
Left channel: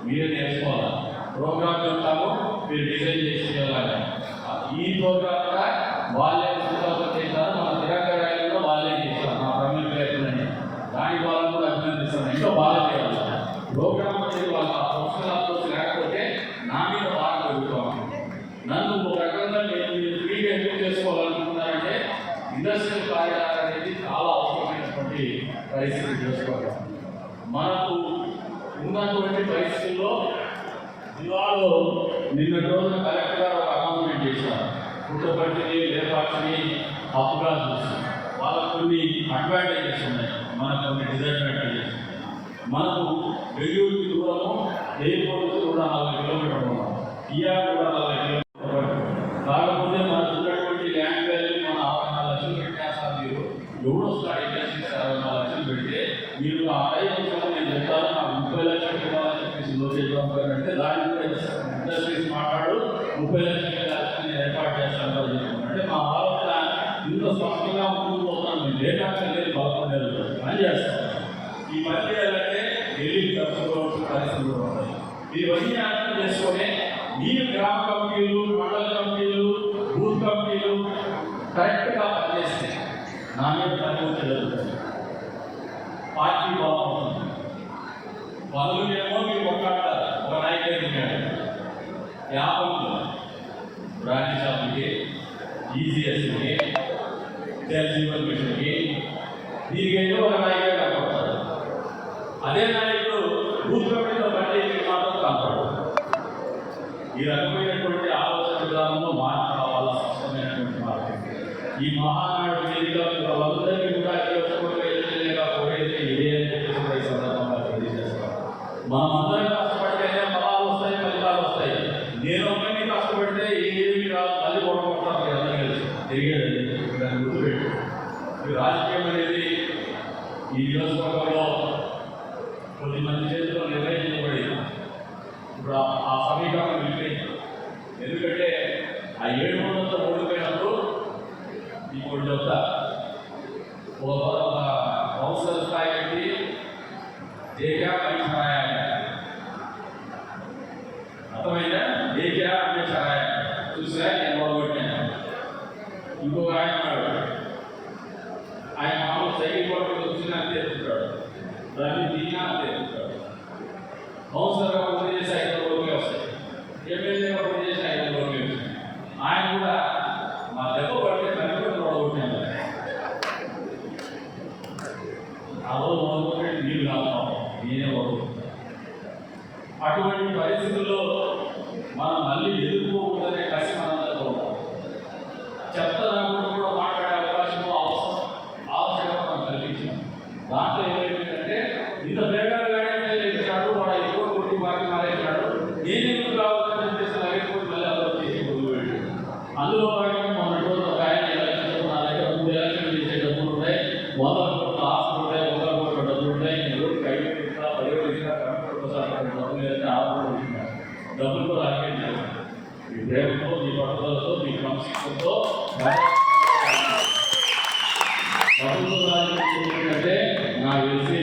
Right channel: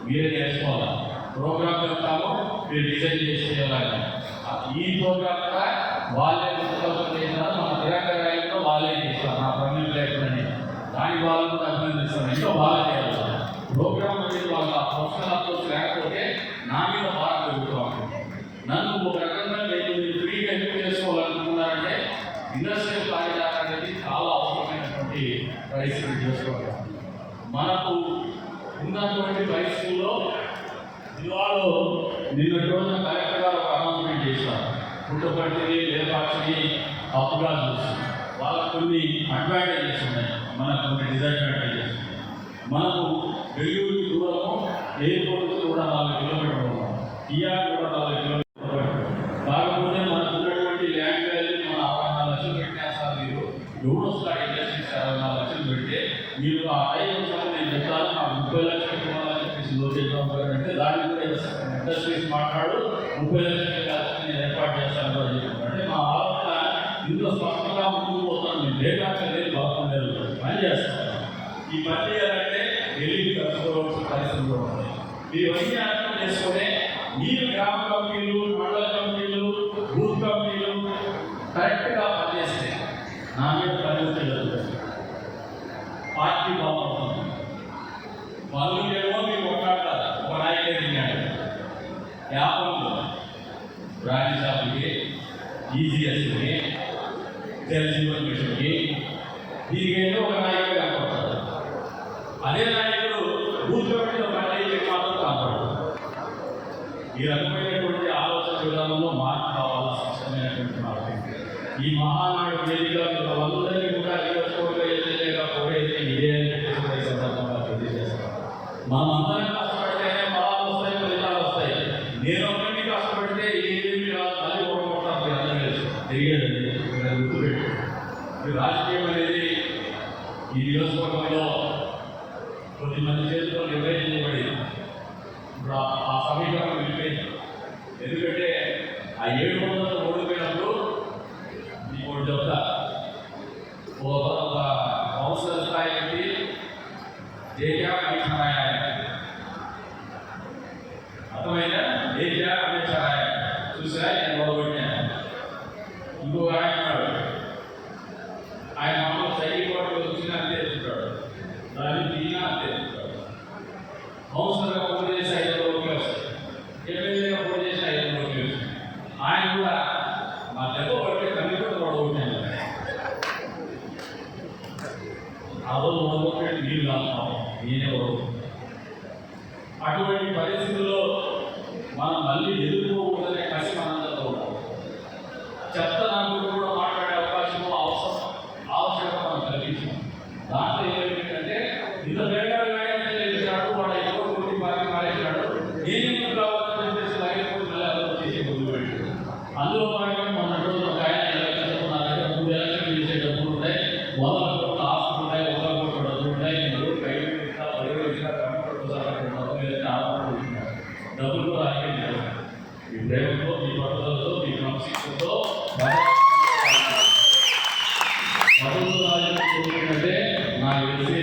మీరే నేర్చుకోవాలి. ప్రోగ్రామ్ చెప్తాము, మీరు డిజైన్ చేసి చేయాలి. ఈ ప్రోగ్రామ్ కూడా వాళ్ళే చేస్తారు. మన తిరగరాయల్లో వాళ్ళే చేస్తారు. నా ప్రమేయం లేకుండా దాని వాళ్ళు కూడా అభినందిస్తారు. ఇంకా బాగా చేయాలి. ప్రోగ్రామ్ అనేది వాళ్ళ ప్రొఫెషనల్ అప్రోచ్ లేకపోతే నా మీద బాగా పెరుగుతాను. నన్ను ఒక రకంగా మీరు ఫ్రీగా ఎక్కువ చేసుకోవాలనుకున్నారంటే ఇండస్ట్రియల్ కారిడార్ అనేది చాలా అవసరమైనటువంటి పరిస్థితి చేసుకోవాలి. మనకు ఉన్నటువంటి పరిస్థితుల్లో ఇవాళ నిన్న రోజున కలెక్టర్ గారు ఒక అనౌన్స్మెంట్ చేశారు. పుట్టపర్తిని లేపాక్షిని అప్పుగా చూసి వాళ్ళకు కొన్ని అడ్వాంటేజెస్ ఉన్నాయి, మనకు కొన్ని డిసడ్వాంటేజెస్. మనకు బెంగళూరుకి దూరము, ఎయిర్పోర్ట్కి కూడా 4 కిలోమీటర్లు ఉన్నాం, టీఆర్ కూడా 4 కిలోమీటర్లు. కాకపోతే మనకు ఉన్నటువంటి ల్యాండ్ వాల్యూ మన 64 లక్షలు పెట్టినా సార్, మీరు ఎవరో స్టార్ట్ ఇండస్ట్రీస్ 64 లక్షలు పెడితే మీరు ఆ టైం అంటే దాని గురించి ఇండస్ట్రీస్ మాట్లాడు 30 లక్షల ఏర్పాటు చేస్తాను అంటే మా ఆలోచన ఇందులో స్పష్టంగా ముందుకు పోతాను. మేము డేటా అనేది బాగుండేది పని చేస్తాం. ఈ పని చేయాలంటే ఎలిగి కట్టుకోవాల్సిన పరిస్థితులు ఉంటాయి. ఇవన్నీ అర్థం చేసుకొని మీరు గ్రామ కమిటీలు, మండల కమిటీలు, బూత్ కమిటీలు కరెక్ట్గా పనిచేస్తే నా మీద పనిముట్టు జరుగుతుంది. పార్టీ బాగుంటుంది. పనులేమో మీరు కొట్లాడతారు. ఒక నాయకుడు యాపంలో రాణి షాపులకి, ఈజీఎస్కి, జల్ జీవన్ మిషన్కి దీనికేదో ఒక నాయకుడు కనపడతాడు. అదే నాయకుడు బూత్ కమిటీలో పనిచేసి మాత్రం కనపడతాడు. ఈ రకమైనటువంటి ఆలోచన విధానంలో మార్పు కావాలా, స్పష్టమైనటువంటి మార్పు. ఈ మహానాడు వేదిక వాళ్ళందరినీ కూడా పోయితే ఇదే సందర్భంగా తెలియజేస్తాం. మనమందరం కష్టపడితేనే ఫలాలు వస్తాయి, ఫలితాలు వస్తాయి. నేను అన్నీ కష్టపడితే ఏమి కాదు, తల్లి కొడుకుంటాను అందరూ తిరిగేదండి. గుర్తుపెట్టి ఈ రాజకీయం అనేది ఈ నియోజకవర్గంలో కొద్దిమంది చేతిలో నిర్వహించబడి ఇప్పుడు ఆ సమీకరణ వెళ్ళిపోయింది. ఎందుకంటే ఆ 700 ఓడిపోయినప్పుడు ఇప్పుడు చెప్తా ఒక కౌన్సిలర్ స్థాయి పెట్టి దేశా అమిషాయ అర్థమైందా? దేశా అమిషాయ చూసినా నేను మొదలుపెట్టాను. ఇంకో ఆయన ఉన్నాడు, ఆయన మామూలు సైకిల్ కోట్లు వచ్చినా తెచ్చుకుంటాడు, దాన్ని తీనా తెచ్చుకుంటాడు. కౌన్సిలర్గా పోటీ చేసి 5 రూపాయలు వస్తాయి, ఎమ్మెల్యేగా పోటీ చేసి 5 రూపాయలు వస్తాయి. ఆయన కూడా మా దెబ్బ పట్టి కన్నీ కూడా మొదలుపెట్టాను. ఆ రోజు మొదలుపెట్టి నీళ్ళు కాదు, నేనే వరకు. అటువంటి పరిస్థితుల్లో మనం మళ్ళీ ఎదుర్కోకూడదనే కసి మనందరితో చెత్త దాంట్లో కూడా మాట్లాడే అవకాశము ఆవశ్యకత మనం కల్పించాం. దాంట్లో ఏమైందంటే ఇంత వేగాలు వేగాడు వాడు ఎక్కువ కొట్టి పార్టీ మారేసినాడు, నేను ఎందుకు కావాలని చెప్పేసి లైఫ్ మళ్ళీ చేసి ముందు వెళ్ళి అందులో భాగంగా మొన్న రోజు ఒక ఆయన ఎలక్షన్ నా దగ్గర 3 ఎలక్షన్ చేసే డబ్బులు ఉంటాయి, 100 కోట్ల ఆస్తులు ఉంటాయి, 100 కోట్ల డబ్బులు ఉంటాయి. నేను కైలు ఇట్లా 10 ఇట్లా డబ్బులు కూడా ఆగిపోయింది. మీ ప్రేమతో, మీ పట్టుదలతో, మీ క్రమశిక్షణతో అంటే నాకు తెలిసి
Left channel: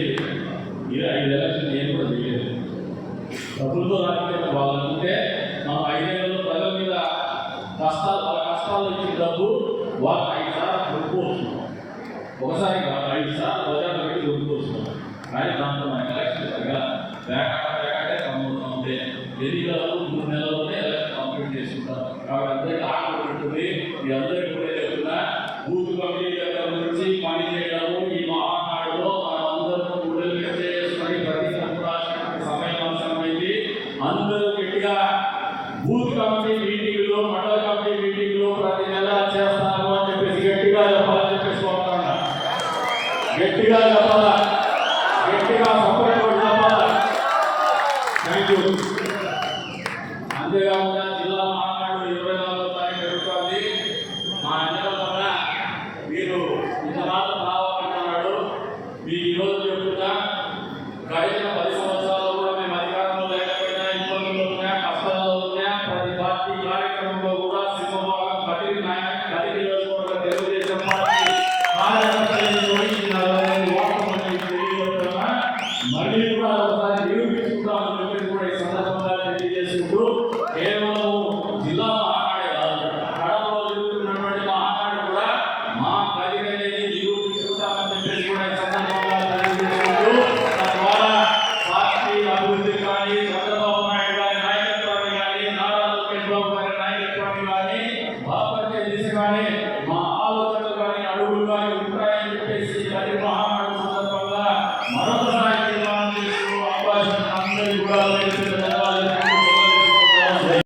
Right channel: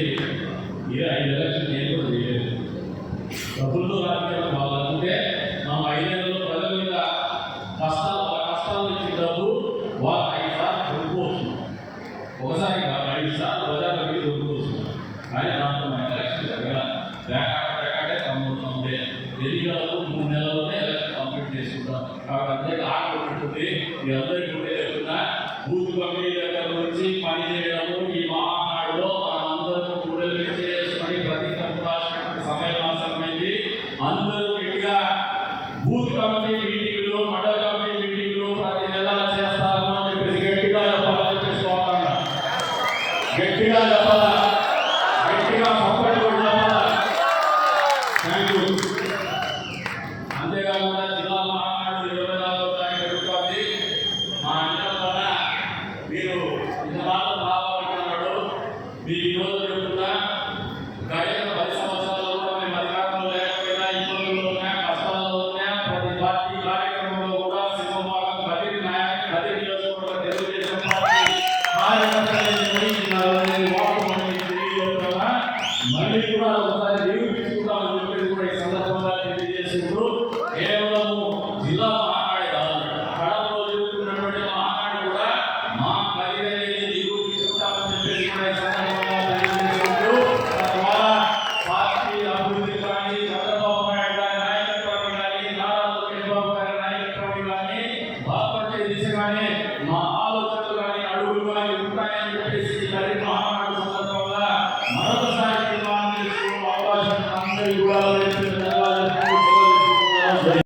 5 ఎలక్షన్ నేను కూడా చేయలేదు. డబ్బులతో రాజకీయాలు వాళ్ళంటే మనం 5 ఏళ్ళలో ప్రజల మీద కష్టాలు ఇచ్చిన డబ్బు వాళ్ళు 5 సార్లు కొనుక్కోవచ్చు. ఒకసారి 5 సార్లు బజార్లో పెట్టి కొనుక్కోవచ్చు. కానీ దాంట్లో మన ఎలక్షన్ అంటే ఉండే ఎన్నికలకు 3 నెలల్లోనే ఎలక్షన్ కంప్లీట్ చేసుకుంటాం. కాబట్టి అందరికీ ఆటలు పెట్టుకుని మీ అందరికీ కూడా లేకుండా బూత్ కమిటీ దగ్గర నుంచి పని చేయడము ఈ మహానాడులో మనం అందరూ గుండెలు చేసుకుని ప్రతి రాష్ట్రానికి సమయం అవసరమైంది. అందరూ గట్టిగా బూత్ కమిటీ